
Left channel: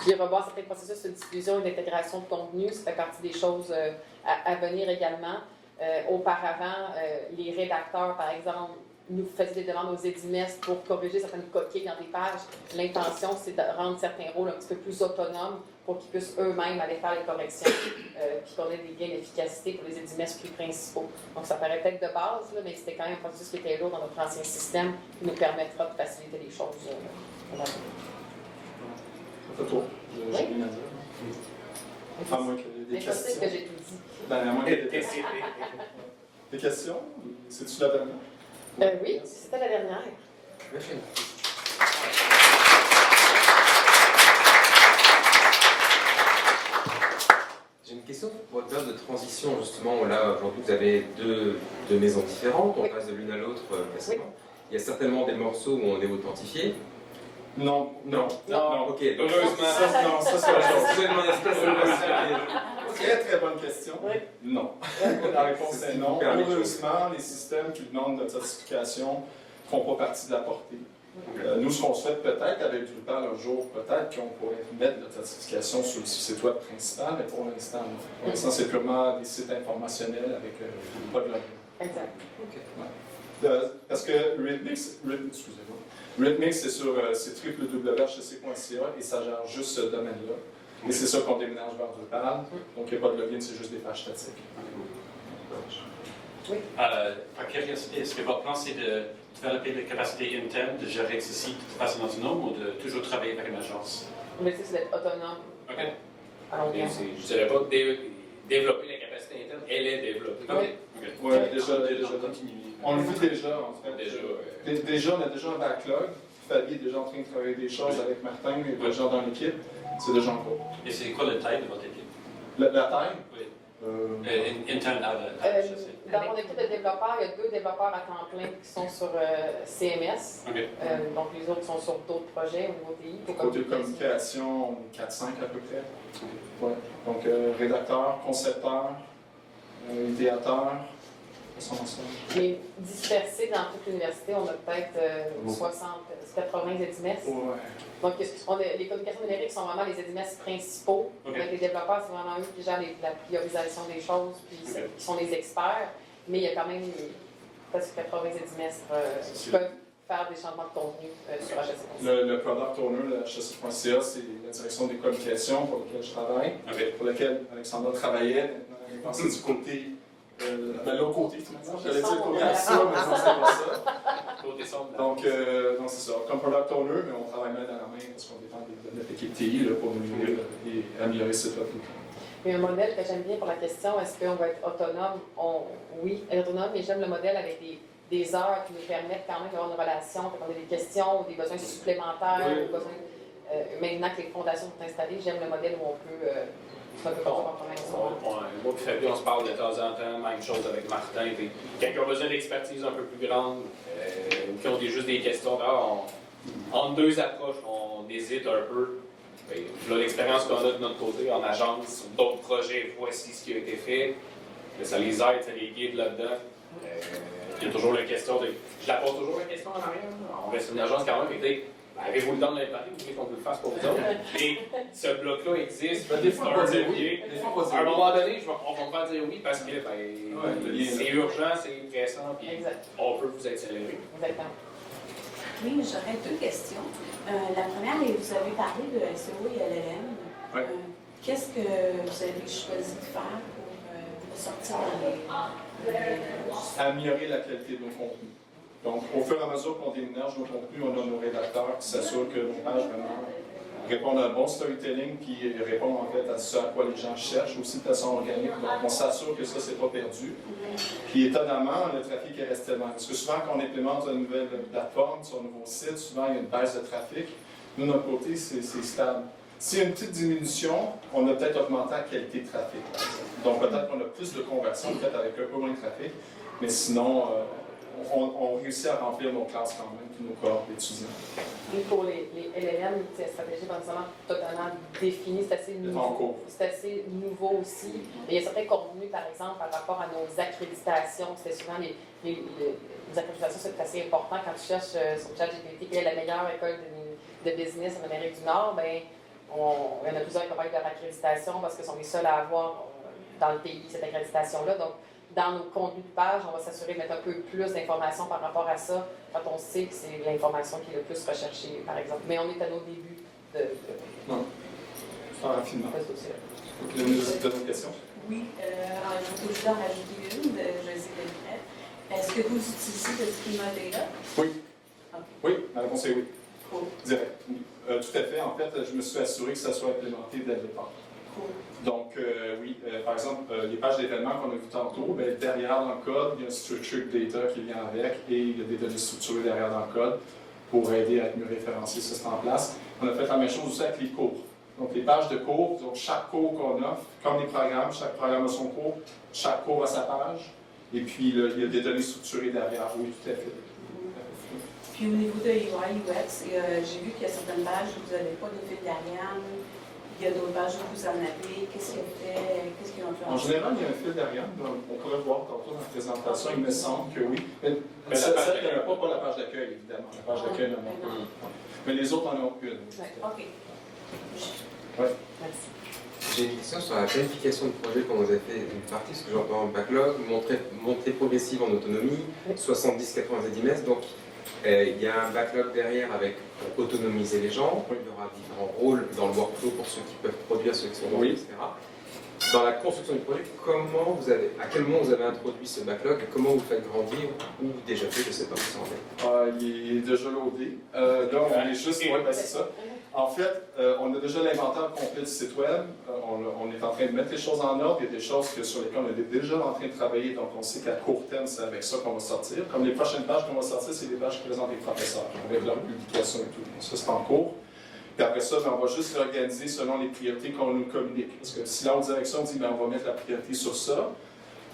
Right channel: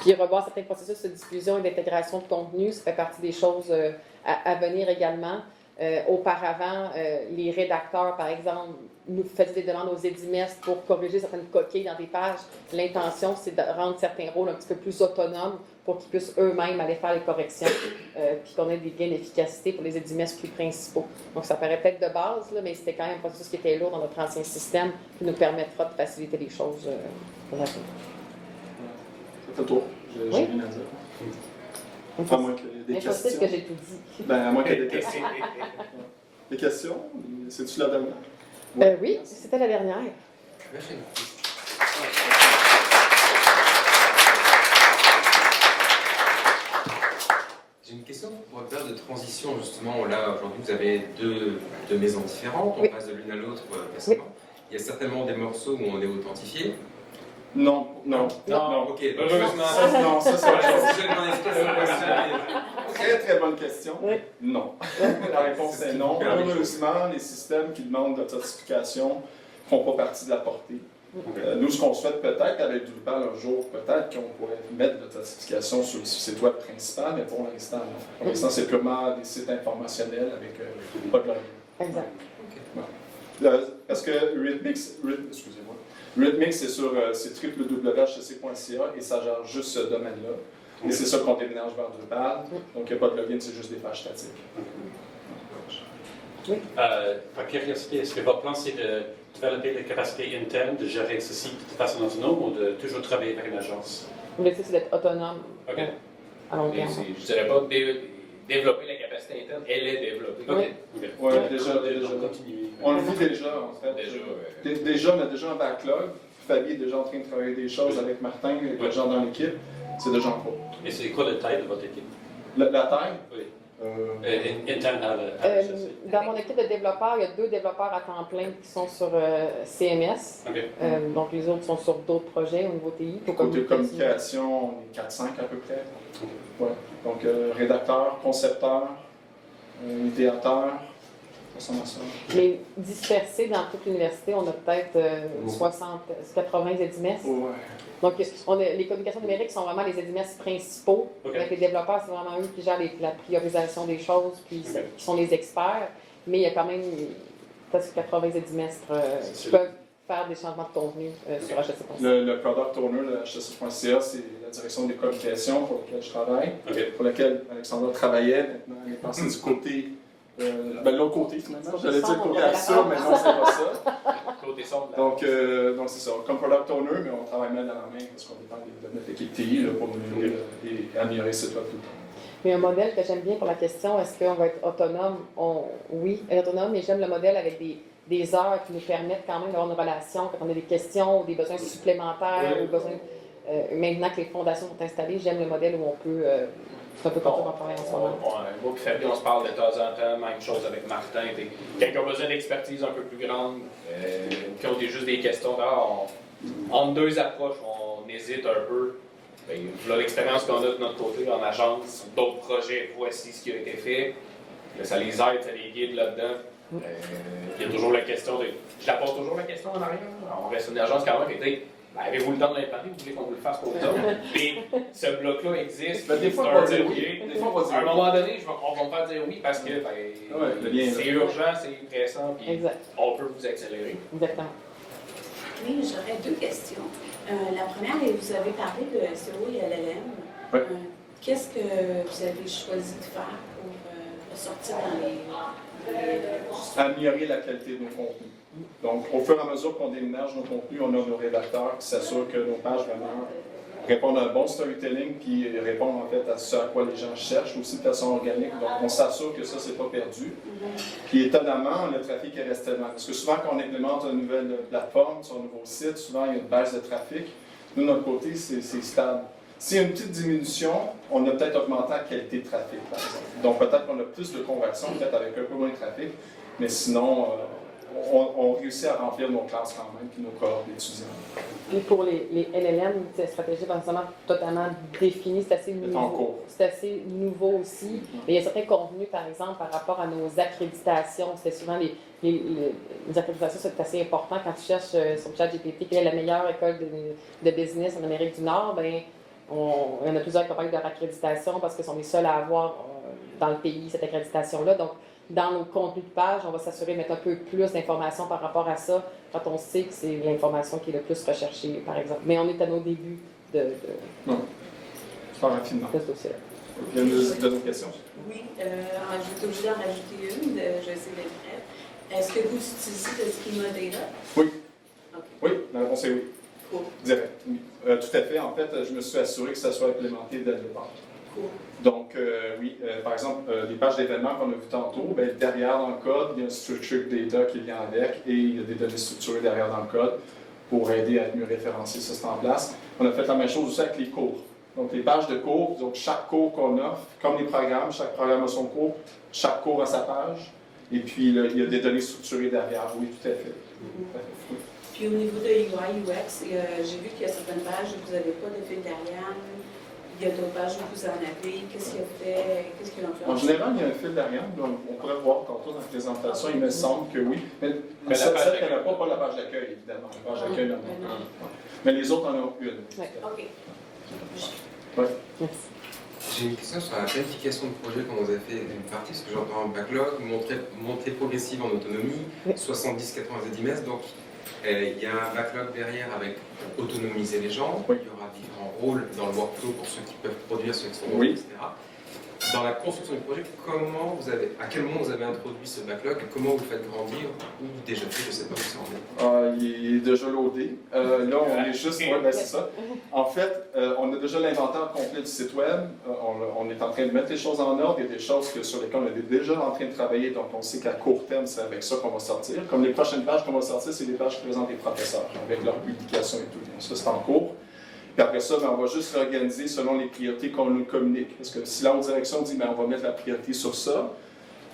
Puis, revoir certains processus de diffusion et d'intégration de contenu, ça fait partie des choses à venir également. Auparavant, les rédacteurs, par exemple, nous faisaient des demandes aux EDIMES pour corriger certaines coquilles dans des pages. L'intention, c'est de rendre certains rôles un petit peu plus autonomes pour qu'ils puissent eux-mêmes aller faire les corrections, puis qu'on ait des gains d'efficacité pour les EDIMES plus principaux. Donc, ça paraît peut-être de base, là, mais c'était quand même un processus qui était lourd dans notre ancien système, qui nous permettra de faciliter les choses pour l'avenir. Ça fait tour. J'ai rien à dire. Enfin, moi que des mais questions. c'est que j'ai tout dit. Ben, à moins qu'il y ait des questions. Des questions? C'est-tu la dernière? Oui, c'était la dernière. Merci. J'ai une question pour votre période de transition, justement. Là, aujourd'hui, vous avez deux maisons différentes, on passe de l'une à l'autre facilement. il y a certainement des morceaux où on est authentifié. Non. Ok, donc Heureusement. Ça, c'est la chose. je demande est-ce que c'est une question Très, très bonne question. Oui. Non. La réponse est non. Heureusement, les systèmes qui demandent l'authentification ne font pas partie de la portée. Nous, ce qu'on souhaite peut-être avec Drupal un jour, peut-être qu'on pourrait mettre l'authentification sur le site web principal, mais pour l'instant, non. Pour l'instant, c'est purement des sites informationnels avec pas de login. Exact. Parce que excusez-moi. Rhythmix, c'est sur www.hcc.ca et ça gère juste ce domaine-là. Et c'est ça qu'on déménage vers Drupal. Donc, il n'y a pas de login, c'est juste des pages statiques. Par curiosité, est-ce que votre plan, c'est de développer des capacités internes, de gérer ceci de façon autonome ou de toujours travailler avec une agence? L'objectif, c'est d'être autonome OK. à long terme. Je dirais pas développer la capacité interne, elle est développée. OK. Oui, déjà. Continuer. On le fait déjà, en fait. Déjà, on a déjà un backlog. Fabien est déjà en train de travailler des choses avec Martin et les gens dans l'équipe. C'est déjà en cours. Et c'est quoi la taille de votre équipe? La taille? Oui. Dans Interne à mon équipe de développeurs, il y a 2 développeurs à temps plein qui sont sur CMS. OK. Donc, les autres sont sur d'autres projets au niveau TI. Côté communication, 4-5 à peu près. Ouais. Donc, rédacteur, concepteur, idéateur. Mais dispersés dans toute l'université, on a peut-être 80 ZMS. Ouais. Donc, les communications numériques sont vraiment les ZMS principaux. OK. Avec les développeurs, c'est vraiment eux qui gèrent la priorisation des choses, puis qui sont les experts. Mais il y a quand même presque 80 ZMS qui peuvent faire des changements de contenu sur HSC.ca. Le product owner de HSC.ca, c'est la direction des communications pour laquelle je travaille, pour laquelle Alexandra travaillait. Maintenant, elle est passée du côté. L'autre côté, finalement. J'allais dire côté action, mais non, c'est pas ça. Côté sombre. Donc c'est ça. Comme product owner, mais on travaille main dans la main parce qu'on dépend de notre équipe TI là, pour nous aider et améliorer ce web. Il y a un modèle que j'aime bien pour la question, est-ce qu'on va être autonome? Oui, être autonome, mais j'aime le modèle avec des heures qui nous permettent quand même d'avoir une relation. Quand on a des questions ou des besoins supplémentaires, ou besoins, maintenant que les fondations sont installées, j'aime le modèle où on peut... c'est un peu comme ça qu'on travaille en ce moment. On se parle de temps en temps, même chose avec Martin. Quelqu'un a besoin d'expertise un peu plus grande, qui ont juste des questions. Entre 2 approches, on hésite un peu. Là, l'expérience qu'on a de notre côté en agence, ou d'autres projets, voici ce qui a été fait. Ça les aide, ça les guide là-dedans. Il y a toujours la question de. Je la pose toujours la question en arrière. On reste une agence quand même, mais avez-vous le temps de l'imparler, vous voulez qu'on vous le fasse pour vous autres? Mais ce bloc-là existe. Des fois, on va dire oui. À un moment donné, on va me faire dire oui parce que c'est urgent, c'est pressant, puis on peut vous accélérer. Exactement. Oui, j'aurais 2 questions. La première, vous avez parlé de SEO et LLM. Oui. Qu'est-ce que vous avez choisi de faire pour sortir dans les améliorer la qualité de nos contenus. Donc, au fur et à mesure qu'on déménage nos contenus, on a nos rédacteurs qui s'assurent que nos pages vraiment répondent à un bon storytelling, qui répondent en fait à ce à quoi les gens cherchent, aussi de façon organique. Donc, on s'assure que ça, c'est pas perdu. Puis, étonnamment, le trafic est resté tellement. Parce que souvent, quand on implémente une nouvelle plateforme sur un nouveau site, souvent, il y a une baisse de trafic. Nous, de notre côté, c'est stable. S'il y a une petite diminution, on a peut-être augmenté la qualité de trafic, par exemple. Donc, peut-être qu'on a plus de conversions, peut-être avec un peu moins de trafic, mais sinon, on réussit à remplir nos classes quand même, puis nos cohortes d'étudiants. Et pour les LLM, c'est une stratégie pas nécessairement totalement définie, c'est assez nouveau. C'est assez nouveau aussi. Mais il y a certains contenus, par exemple, par rapport à nos accréditations. C'est souvent les accréditations, c'est assez important. Quand tu cherches sur ChatGPT quelle est la meilleure école de business en Amérique du Nord, ben il y en a plusieurs qui parlent de leur accréditation parce que sont les seuls à avoir dans le pays cette accréditation-là. Donc, dans nos contenus de page, on va s'assurer de mettre un peu plus d'informations par rapport à ça quand on sait que c'est l'information qui est le plus recherchée, par exemple. Mais on est à nos débuts de Faire rapidement. ce dossier-là. Il y a une autre question. Oui, je vais obligée d'en rajouter une, je vais essayer d'être bref. Est-ce que vous utilisez le schema data? Oui. Okay. Oui, la réponse est oui. Cool. Direct, oui. Tout à fait. En fait, je me suis assuré que ça soit implémenté dès le départ. Cool. Donc, oui, par exemple, les pages d'événements qu'on a vues tantôt, bien, derrière dans le code, il y a un structured data qui vient avec et il y a des données structurées derrière dans le code pour aider à être mieux référencé. Ça, c'est en place. On a fait la même chose aussi avec les cours. Donc, les pages de cours, donc chaque cours qu'on offre, comme les programmes, chaque programme a son cours, chaque cours a sa page. Et puis, il y a des données structurées derrière. Oui, tout à fait. Puis au niveau de UI, UX, j'ai vu qu'il y a certaines pages où vous n'avez pas de fil d'Ariane. Il y a d'autres pages où vous en avez. Qu'est-ce qu'ils ont fait? En général, il y a un fil d'Ariane. On pourrait voir tantôt dans la présentation, il me semble que oui. Mais ça, il n'y en a pas la page d'accueil, évidemment. La page d'accueil, non. Mais les autres en ont une. Ouais. OK. Ouais. Merci. J'ai une question sur la planification de projet quand vous avez fait une partie, parce que j'entends un backlog, montée progressive en autonomie, 70, 80 ZMS, donc il y a un backlog derrière avec autonomiser les gens, il y aura différents rôles dans le workflow pour ceux qui peuvent produire, ceux qui sont non, etc. Dans la construction du projet, à quel moment vous avez introduit ce backlog, comment vous le faites grandir, ou déjà fait, je ne sais pas où ça en est. Il est déjà loadé. Là, on est juste, c'est ça. En fait, on a déjà l'inventaire complet du site web. On est en train de mettre les choses en ordre. Il y a des choses sur lesquelles on est déjà en train de travailler, donc on sait qu'à court terme, c'est avec ça qu'on va sortir. Comme les prochaines pages qu'on va sortir, c'est les pages qui présentent les professeurs, avec leur publication et tout. Donc ça, c'est en cours. Puis après ça, on va juste réorganiser selon les priorités qu'on nous communique. Parce que si la haute direction dit on va mettre la priorité sur ça,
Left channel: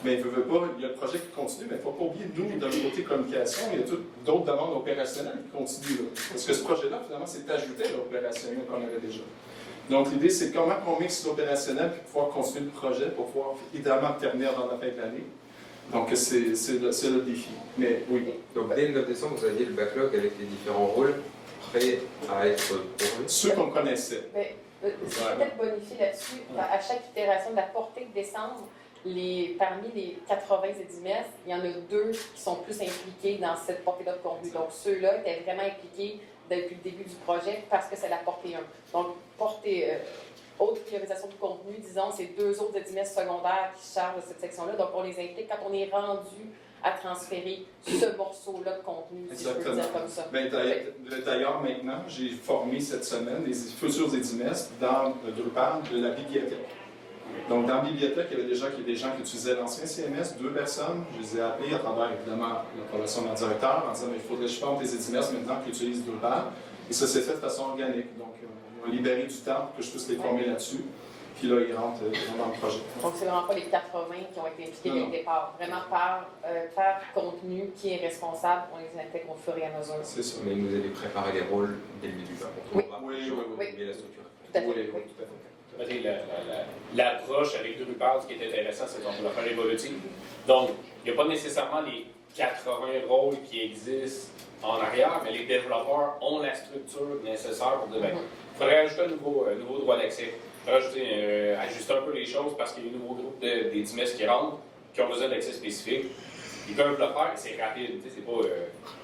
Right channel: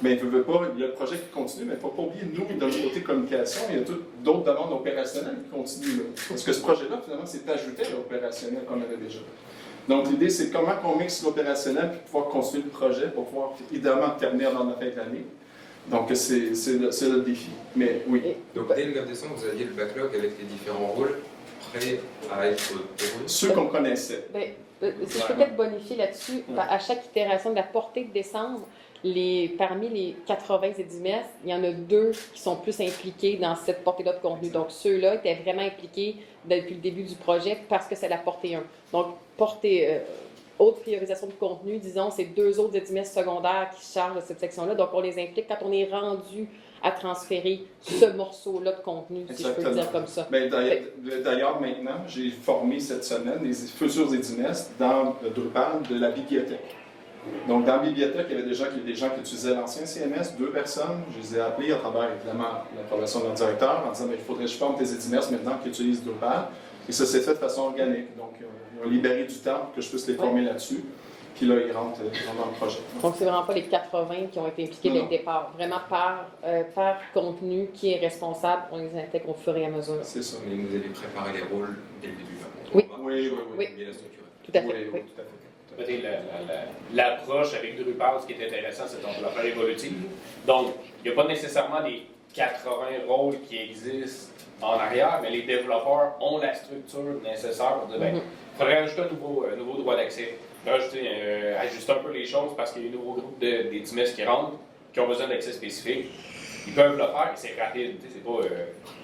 mais il y a le projet qui continue, mais il ne faut pas oublier, nous, de notre côté communication, il y a d'autres demandes opérationnelles qui continuent. Là. Parce que ce projet-là, finalement, c'est ajouté à l'opérationnel qu'on avait déjà. Donc l'idée, c'est comment on mixe l'opérationnel pour pouvoir continuer le projet, pour pouvoir idéalement terminer avant la fin de l'année. Donc c'est le défi. Mais oui. Donc dès le 9 décembre, vous aviez le backlog avec les différents rôles prêts à être pourvus. Ceux qu'on connaissait. Si je peux peut-être bonifier là-dessus, à chaque itération de la portée de décembre, parmi les 80 ZMS, il y en a 2 qui sont plus impliqués dans cette portée-là de contenu. Donc, ceux-là étaient vraiment impliqués depuis le début du projet parce que c'est la portée 1. Donc, haute priorisation de contenu, disons, c'est 2 autres ZMS secondaires qui se chargent de cette section-là. Donc, on les implique quand on est rendu à transférer ce morceau-là de contenu, si je peux le dire comme ça. D'ailleurs, maintenant, j'ai formé cette semaine les futurs ZMS dans Drupal de la bibliothèque. Donc, dans la bibliothèque, il y avait des gens qui utilisaient l'ancien CMS, 2 personnes. Je les ai appelés à travers, évidemment, l'approbation de leur directeur en disant il faudrait que je forme des ZMS maintenant qui utilisent Drupal. Et ça s'est fait de façon organique. Donc, on a libéré du temps pour que je puisse les former là-dessus. Puis là, ils rentrent dans le projet. Donc, c'est vraiment pas les 80 qui ont été impliqués dès le départ. Vraiment par contenu qui est responsable, on les intègre au fur et à mesure. C'est ça. Mais vous avez préparé les rôles dès le début. Oui. Mais la structure. Tout à fait. Oui, tout à fait. L'approche avec Drupal, ce qui est intéressant, c'est qu'on peut la faire évolutive. Donc, il n'y a pas nécessairement les 80 rôles qui existent en arrière, mais les développeurs ont la structure nécessaire pour dire, il faudrait ajouter un nouveau droit d'accès. Ajuster un peu les choses parce qu'il y a un nouveau groupe des DMS qui rentrent, qui ont besoin d'accès spécifique. Ils peuvent le faire, c'est rapide. C'est pas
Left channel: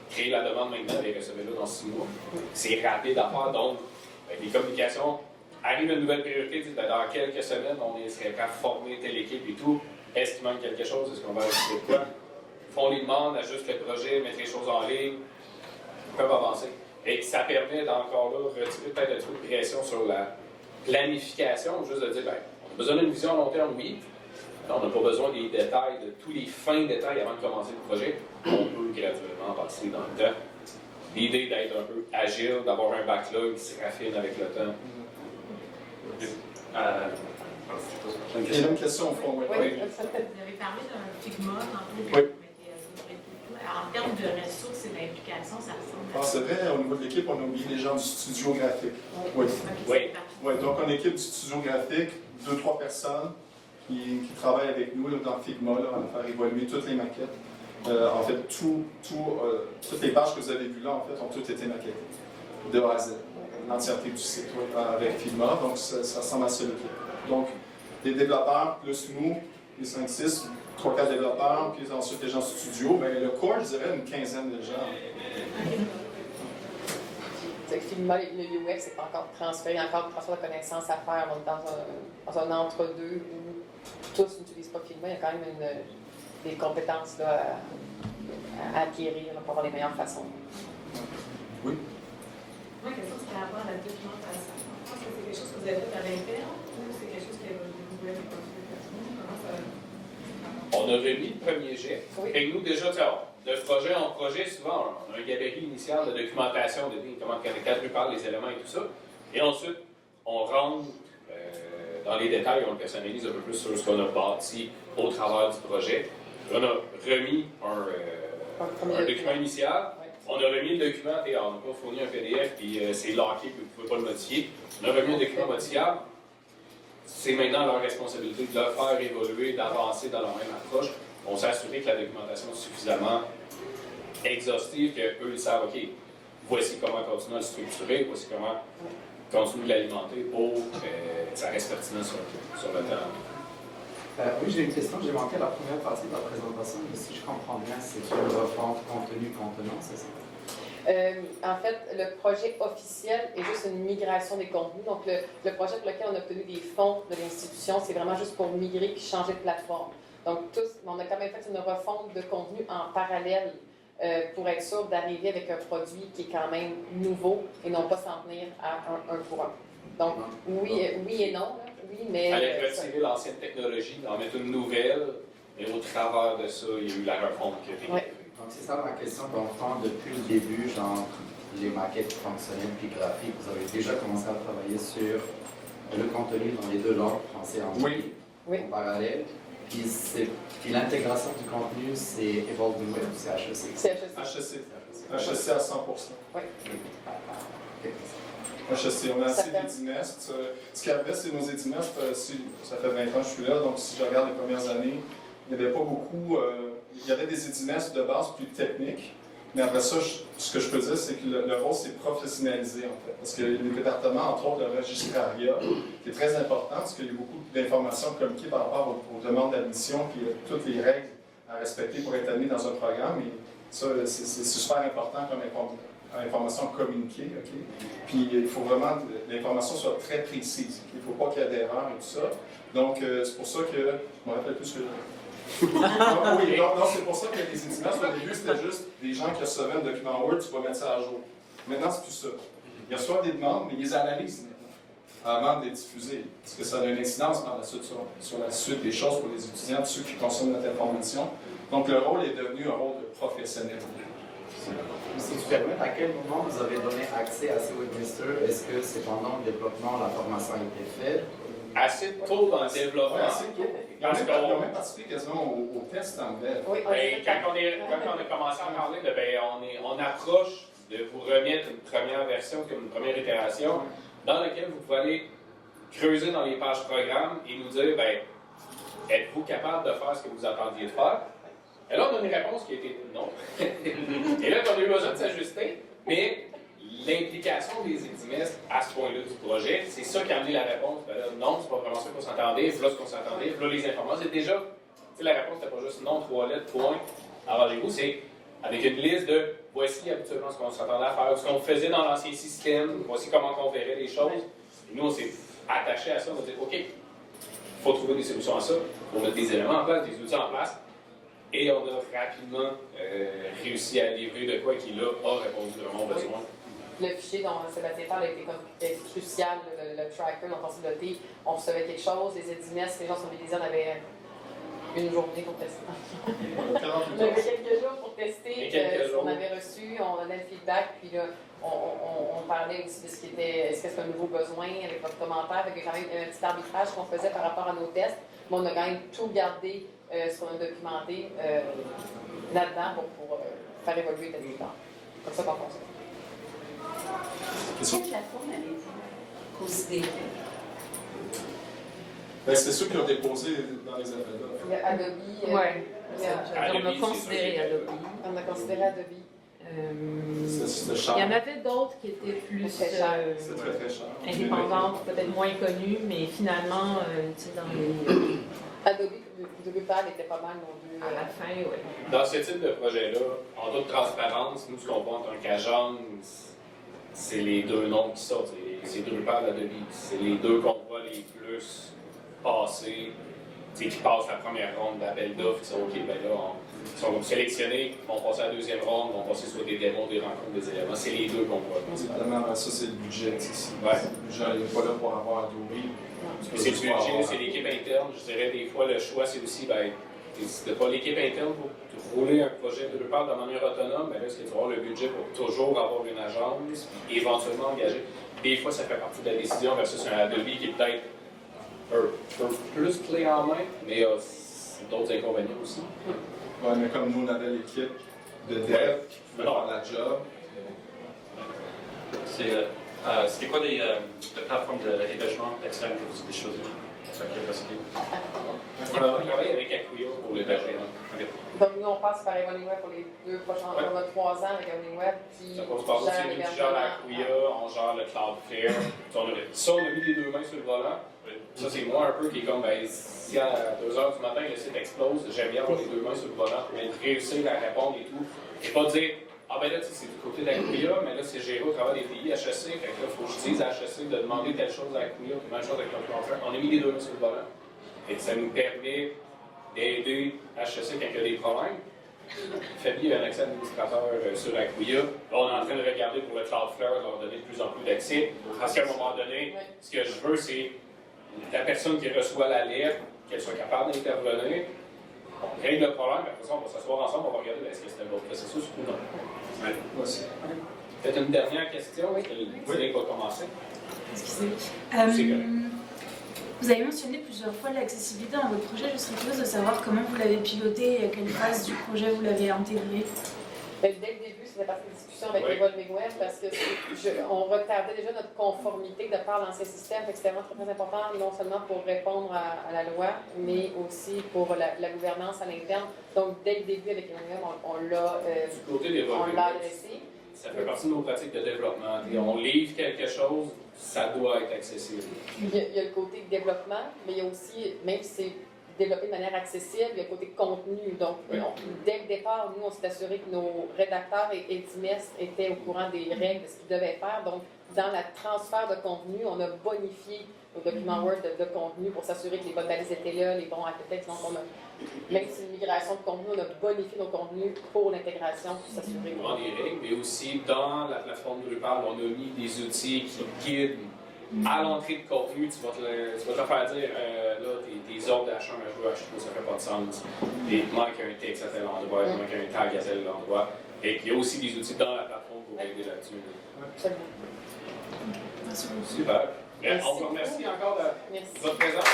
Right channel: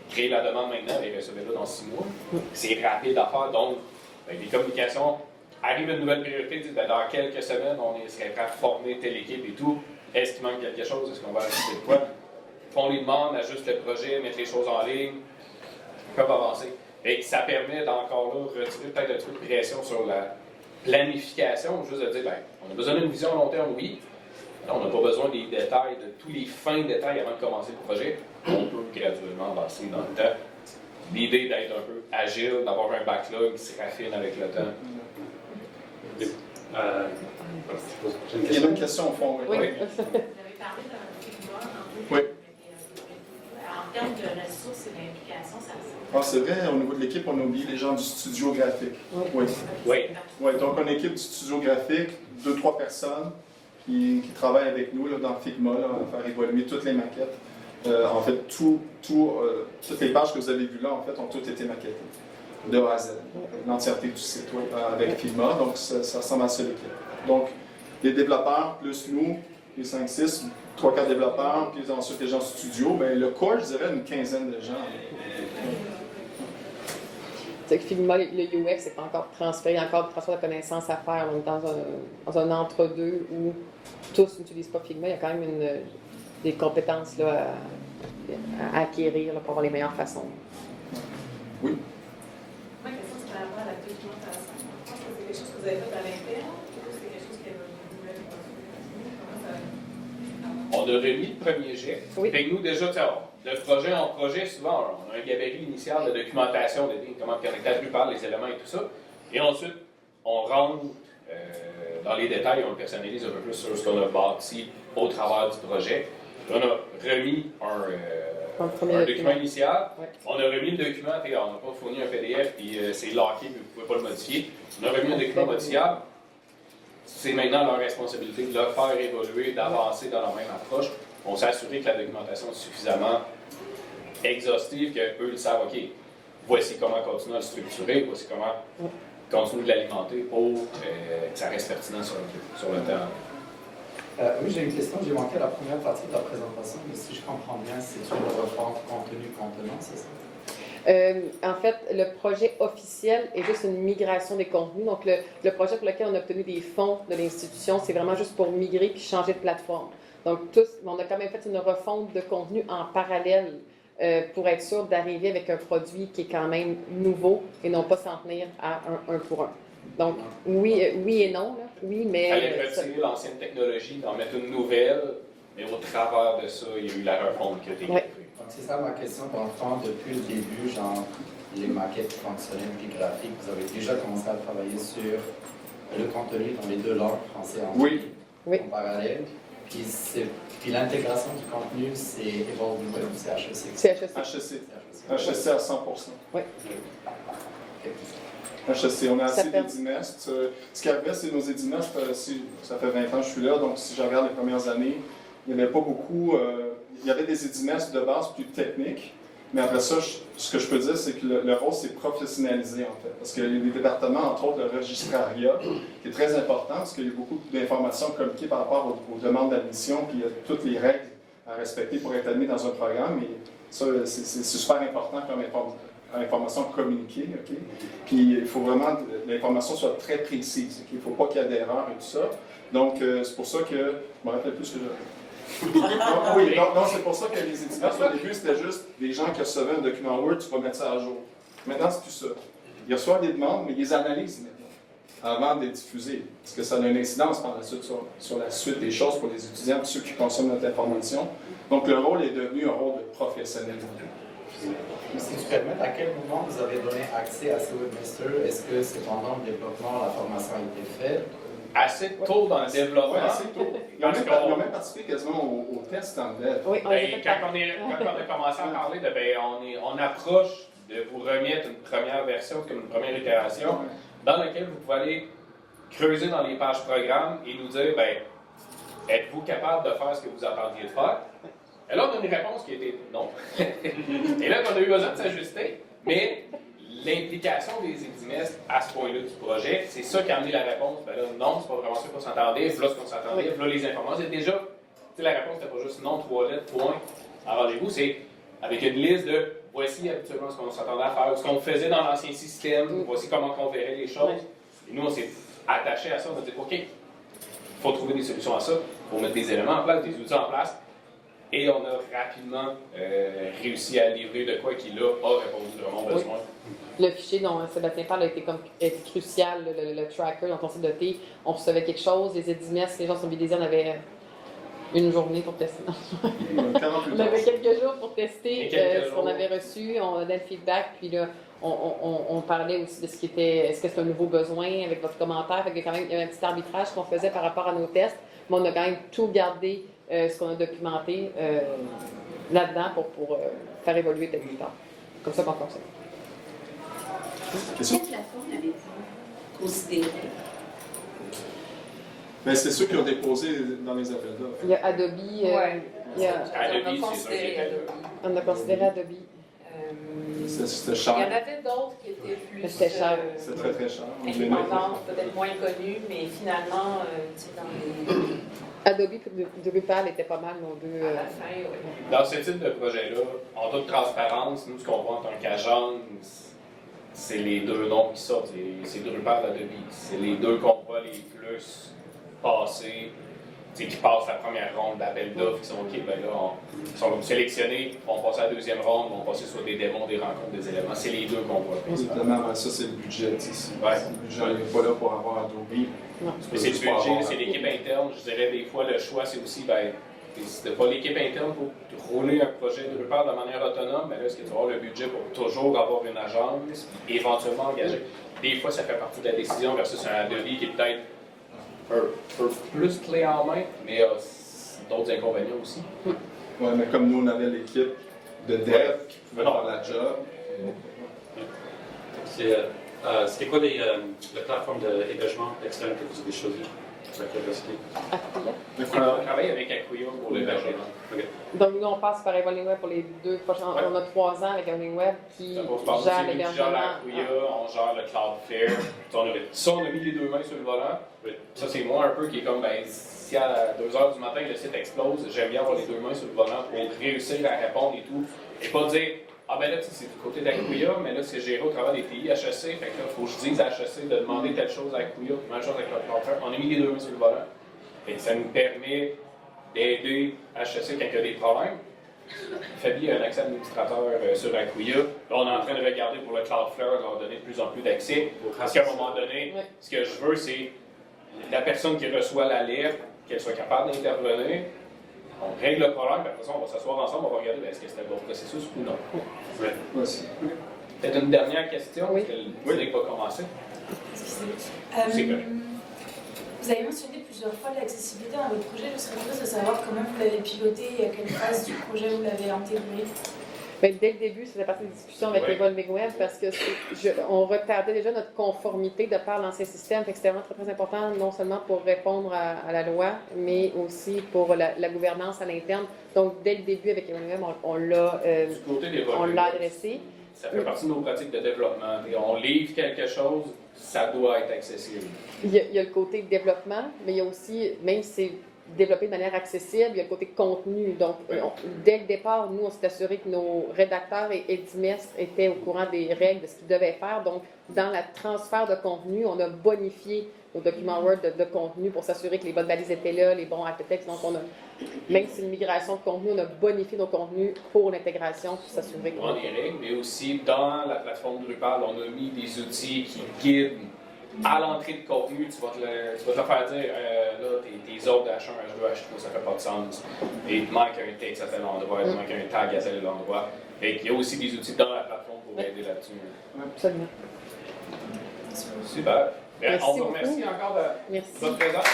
créer la demande maintenant et recevoir-la dans 6 mois. C'est rapide à faire. Donc, les communications, arrive une nouvelle priorité, dans quelques semaines, on serait prêt à former telle équipe et tout. Est-ce qu'il manque quelque chose? Est-ce qu'on va ajouter quoi? Font les demandes, ajustent le projet, mettent les choses en ligne, peuvent avancer. Et ça permet d'encore là retirer peut-être un petit peu de pression sur la planification, juste de dire, on a besoin d'une vision à long terme, oui. On n'a pas besoin des détails, de tous les fins détails avant de commencer le projet. On peut graduellement avancer dans le temps. L'idée d'être un peu agile, d'avoir un backlog qui se raffine avec le temps. Il y a une question au fond, oui. Oui. Vous avez parlé d'un Figma, en Oui. En termes de ressources et d'implication, ça ressemble. C'est vrai, au niveau de l'équipe, on a oublié les gens du studio graphique. Oui. Donc, on a une équipe du studio graphique, 2-3 personnes qui travaillent avec nous là, dans Figma, là, à faire évoluer toutes les maquettes. En fait, toutes les pages que vous avez vues là, en fait, ont toutes été maquettées, de A à Z. L'entièreté du site web avec Figma, donc ça ressemble à ça l'équipe. Donc, les développeurs plus nous, les 5-6, 3-4 développeurs, puis ensuite les gens studio, mais le core, je dirais une quinzaine de gens. C'est que Figma, le UX est encore transféré, il y a encore du transfert de connaissances à faire. On est dans un entre-deux où tous n'utilisent pas Figma. Il y a quand même des compétences là, à acquérir là, pour avoir les meilleures façons. Oui. Ma question, c'est par rapport à la documentation. Est-ce que c'est quelque chose que vous avez fait à l'interne ou c'est quelque chose que vous voulez continuer? On a remis le premier jet. Oui. Fait que nous, déjà, de projet en projet, souvent, on a un gabarit initial de documentation, de comment caractériser par les éléments et tout ça. Et ensuite, on rentre dans les détails, on le personnalise un peu plus sur ce qu'on a bâti au travers du projet. On a remis Dans le premier un document document. initial. Ouais. On a remis le document, et on n'a pas fourni un PDF, puis c'est locké, puis vous ne pouvez pas le modifier. On a remis un document modifiable. C'est maintenant leur responsabilité de le faire évoluer, d'avancer dans la même approche. On s'est assuré que la documentation est suffisamment exhaustive qu'eux, ils savent, OK, voici comment continuer à le structurer, voici comment continuer de l'alimenter pour que ça reste pertinent sur le terrain. Oui, j'ai une question. J'ai manqué la première partie de la présentation, mais si je comprends bien, c'est une refonte contenu-contenant, c'est ça? En fait, le projet officiel est juste une migration des contenus. Donc, le projet pour lequel on a obtenu des fonds de l'institution, c'est vraiment juste pour migrer puis changer de plateforme. Donc, on a quand même fait une refonte de contenu en parallèle pour être sûr d'arriver avec un produit qui est quand même nouveau et non pas s'en tenir à un pour un. Donc, oui et non. Là. Oui, mais... Aller retirer l'ancienne technologie, d'en mettre une nouvelle, mais au travers de ça, il y a eu la refonte qui a été Ouais. Donc, c'est ça ma question. Dans le fond, depuis le début, genre, les maquettes fonctionnelles et graphiques, vous avez déjà commencé à travailler sur le contenu dans les deux langues, français et anglais, Oui. en parallèle. Puis l'intégration du contenu, c'est Evolve Web ou c'est HEC? C'est HEC. HEC. HEC. HEC à 100%. Oui. HEC, on a Ça assez fait- d'édinestes. Ce qu'il y avait, c'est nos édinestes, ça fait 20 ans que je suis là, donc si je regarde les premières années, il n'y avait pas beaucoup. Il y avait des édinestes de base plus techniques, mais après ça, ce que je peux dire, c'est que le rôle s'est professionnalisé en fait. Parce que les départements, entre autres le registrariat, qui est très important, parce qu'il y a beaucoup d'informations communiquées par rapport aux demandes d'admission, puis il y a toutes les règles à respecter pour être admis dans un programme. Et ça, c'est super important comme information communiquée. Okay? Puis il faut vraiment que l'information soit très précise. Okay? Il ne faut pas qu'il y ait d'erreurs et tout ça. Donc, c'est pour ça que. Je me rappelle plus ce que oui, donc c'est pour ça que les éditeurs, au début, c'était juste des gens qui recevaient un document Word, tu vas mettre ça à jour. Maintenant, c'est plus ça. Ils reçoivent des demandes, mais ils les analysent maintenant, avant de les diffuser. Parce que ça a une incidence par la suite sur la suite des choses pour les étudiants, ceux qui consomment notre information. Donc, le rôle est devenu un rôle de professionnel. Si tu permets, à quel moment vous avez donné accès à ces webmasters? Est-ce que c'est pendant le développement, la formation a été faite? Assez tôt dans le développement. Ouais, assez tôt. Ils ont même participé quasiment au test anglais. Oui, on les a Ben, fait quand on a commencé à parler de, on approche de vous remettre une première version, une première itération, dans laquelle vous pouvez aller creuser dans les pages programmes et nous dire, êtes-vous capable de faire ce que vous attendiez de faire? Et là, on a une réponse qui était non. Et là, on a eu besoin de s'ajuster, mais l'implication des édimestres à ce point-là du projet, c'est ça qui a amené la réponse. Ben là, non, c'est pas vraiment ça qu'on s'entendait, voilà ce qu'on s'entendait, voilà les informations. C'est déjà, la réponse n'était pas juste non, 3 lettres, point, arrangez-vous, c'est avec une liste de voici habituellement ce qu'on s'attendait à faire, ce qu'on faisait dans l'ancien système, voici comment on verrait les choses. Et nous, on s'est attaché à ça, on a dit, OK, il faut trouver des solutions à ça, il faut mettre des éléments en place, des outils en place. Et on a rapidement réussi à livrer de quoi qui, là, a répondu vraiment aux besoins. Le fichier dont Sébastien parle a été crucial, le tracker dont on s'est doté. On recevait quelque chose, les édimestres, les gens sont mobilisés, on avait une journée pour tester. On avait quelques jours pour tester ce qu'on avait reçu, on donnait le feedback, puis là, on parlait aussi de ce qui était, est-ce que c'est un nouveau besoin avec votre commentaire. Fait qu'il y a quand même un petit arbitrage qu'on faisait par rapport à nos tests, mais on a quand même tout gardé, ce qu'on a documenté là-dedans pour faire évoluer tel plus tard. Comme ça qu'on fonctionne. Quelle plateforme avez-vous considéré? Mais c'est ceux qui ont déposé dans les appels d'offres. Il y a Adobe, Ouais. il y a- Adobe, On a c'est considéré ça, Adobe. on a considéré Adobe. C'était cher. Il y en avait d'autres qui étaient plus C'était cher. C'est très très cher. indépendantes, peut-être moins connues, mais finalement, tu sais, dans les, Adobe et Drupal étaient pas mal nos deux. à la fin, ouais. Dans ce type de projet-là, en toute transparence, nous, ce qu'on voit en tant qu'agence, c'est les deux noms qui sortent. C'est Drupal et Adobe. C'est les deux qu'on voit les plus passer, qui passent la première ronde d'appel d'offres, qui sont OK, ben là, ils sont sélectionnés, vont passer à la deuxième ronde, vont passer soit des démos, des rencontres, des éléments. C'est les deux qu'on voit. Évidemment, ça c'est le budget. Ouais. Le budget n'est pas là pour avoir Adobe. Mais c'est le budget, c'est l'équipe interne. Je dirais des fois, le choix, c'est aussi, si tu n'as pas l'équipe interne pour rouler un projet de Drupal de manière autonome, mais là, est-ce que tu vas avoir le budget pour toujours avoir une agence et éventuellement engager? Des fois, ça fait partie de la décision versus un Adobe qui est peut-être un peu plus clé en main, mais d'autres inconvénients aussi. Ouais, mais comme nous, on avait l'équipe, de dev qui pouvaient faire la job. C'était quoi les plateformes d'hébergement externe que vous avez choisies avec Curiosity? On travaille avec Acquia pour l'hébergement. Donc, nous, on passe par Evolving Web pour les 2 prochains. On a 3 ans avec Evolving Web qui gère l'hébergement. Acquia, on gère le Cloudflare. Ça, on a mis les 2 mains sur le volant. Ça, c'est moi un peu qui est comme, ben, si à 2 h du matin, le site explose, j'aime bien avoir les 2 mains sur le volant pour réussir à répondre et tout. Et pas dire, ah ben là, c'est du côté d'Acquia, mais là, c'est géré au travers des pays HEC. Fait que là, il faut que je dise à HEC de demander telle chose à Acquia, même chose avec le Cloudflare. On a mis les 2 mains sur le volant. Et ça nous permet d'aider HEC quand il y a des problèmes. Fabien a un accès administrateur sur Acquia. Là, on est en train de regarder pour le Cloudflare, leur donner de plus en plus d'accès. Parce qu'à un moment donné, ce que je veux, c'est la personne qui reçoit l'alerte, qu'elle soit capable d'intervenir. On règle le problème, après ça, on va s'asseoir ensemble, on va regarder est-ce que c'était le bon processus ou non. Peut-être une dernière question? Oui. Vous n'avez pas commencé. Excusez-moi. Vous avez mentionné plusieurs fois l'accessibilité dans votre projet. Je serais curieuse de savoir comment vous l'avez piloté et à quelle phase du projet vous l'avez intégré. Bien, dès le début, c'était partie des discussions avec Evolving Web parce que on retardait déjà notre conformité de par l'ancien système. Fait que c'était vraiment très, très important, non seulement pour répondre à la loi, mais aussi pour la gouvernance à l'interne. Donc, dès le début, avec Evolving Web, on l'a adressé. Ça fait partie de nos pratiques de développement. Et on livre quelque chose, ça doit être accessible. Il y a le côté développement, mais il y a aussi, même si c'est développé de manière accessible, il y a le côté contenu. Donc, dès le départ, nous, on s'est assuré que nos rédacteurs et édimestres étaient au courant des règles de ce qu'ils devaient faire. Donc, dans le transfert de contenu, on a bonifié nos documents Word de contenu pour s'assurer que les bonnes balises étaient là, les bons hypertextes. Donc, même si c'est une migration de contenu, on a bonifié nos contenus pour l'intégration pour s'assurer Dans les règles, mais aussi dans la plateforme Drupal, on a mis des outils qui guident à l'entrée de contenu. Tu vas te faire dire, là, tes ordres d'H1, H2, H3, ça fait pas de sens. Et il manque un texte à tel endroit, il manque un tag à tel endroit. Et il y a aussi des outils dans la plateforme pour aider là-dessus. Absolument. Super. On vous remercie encore de votre présence.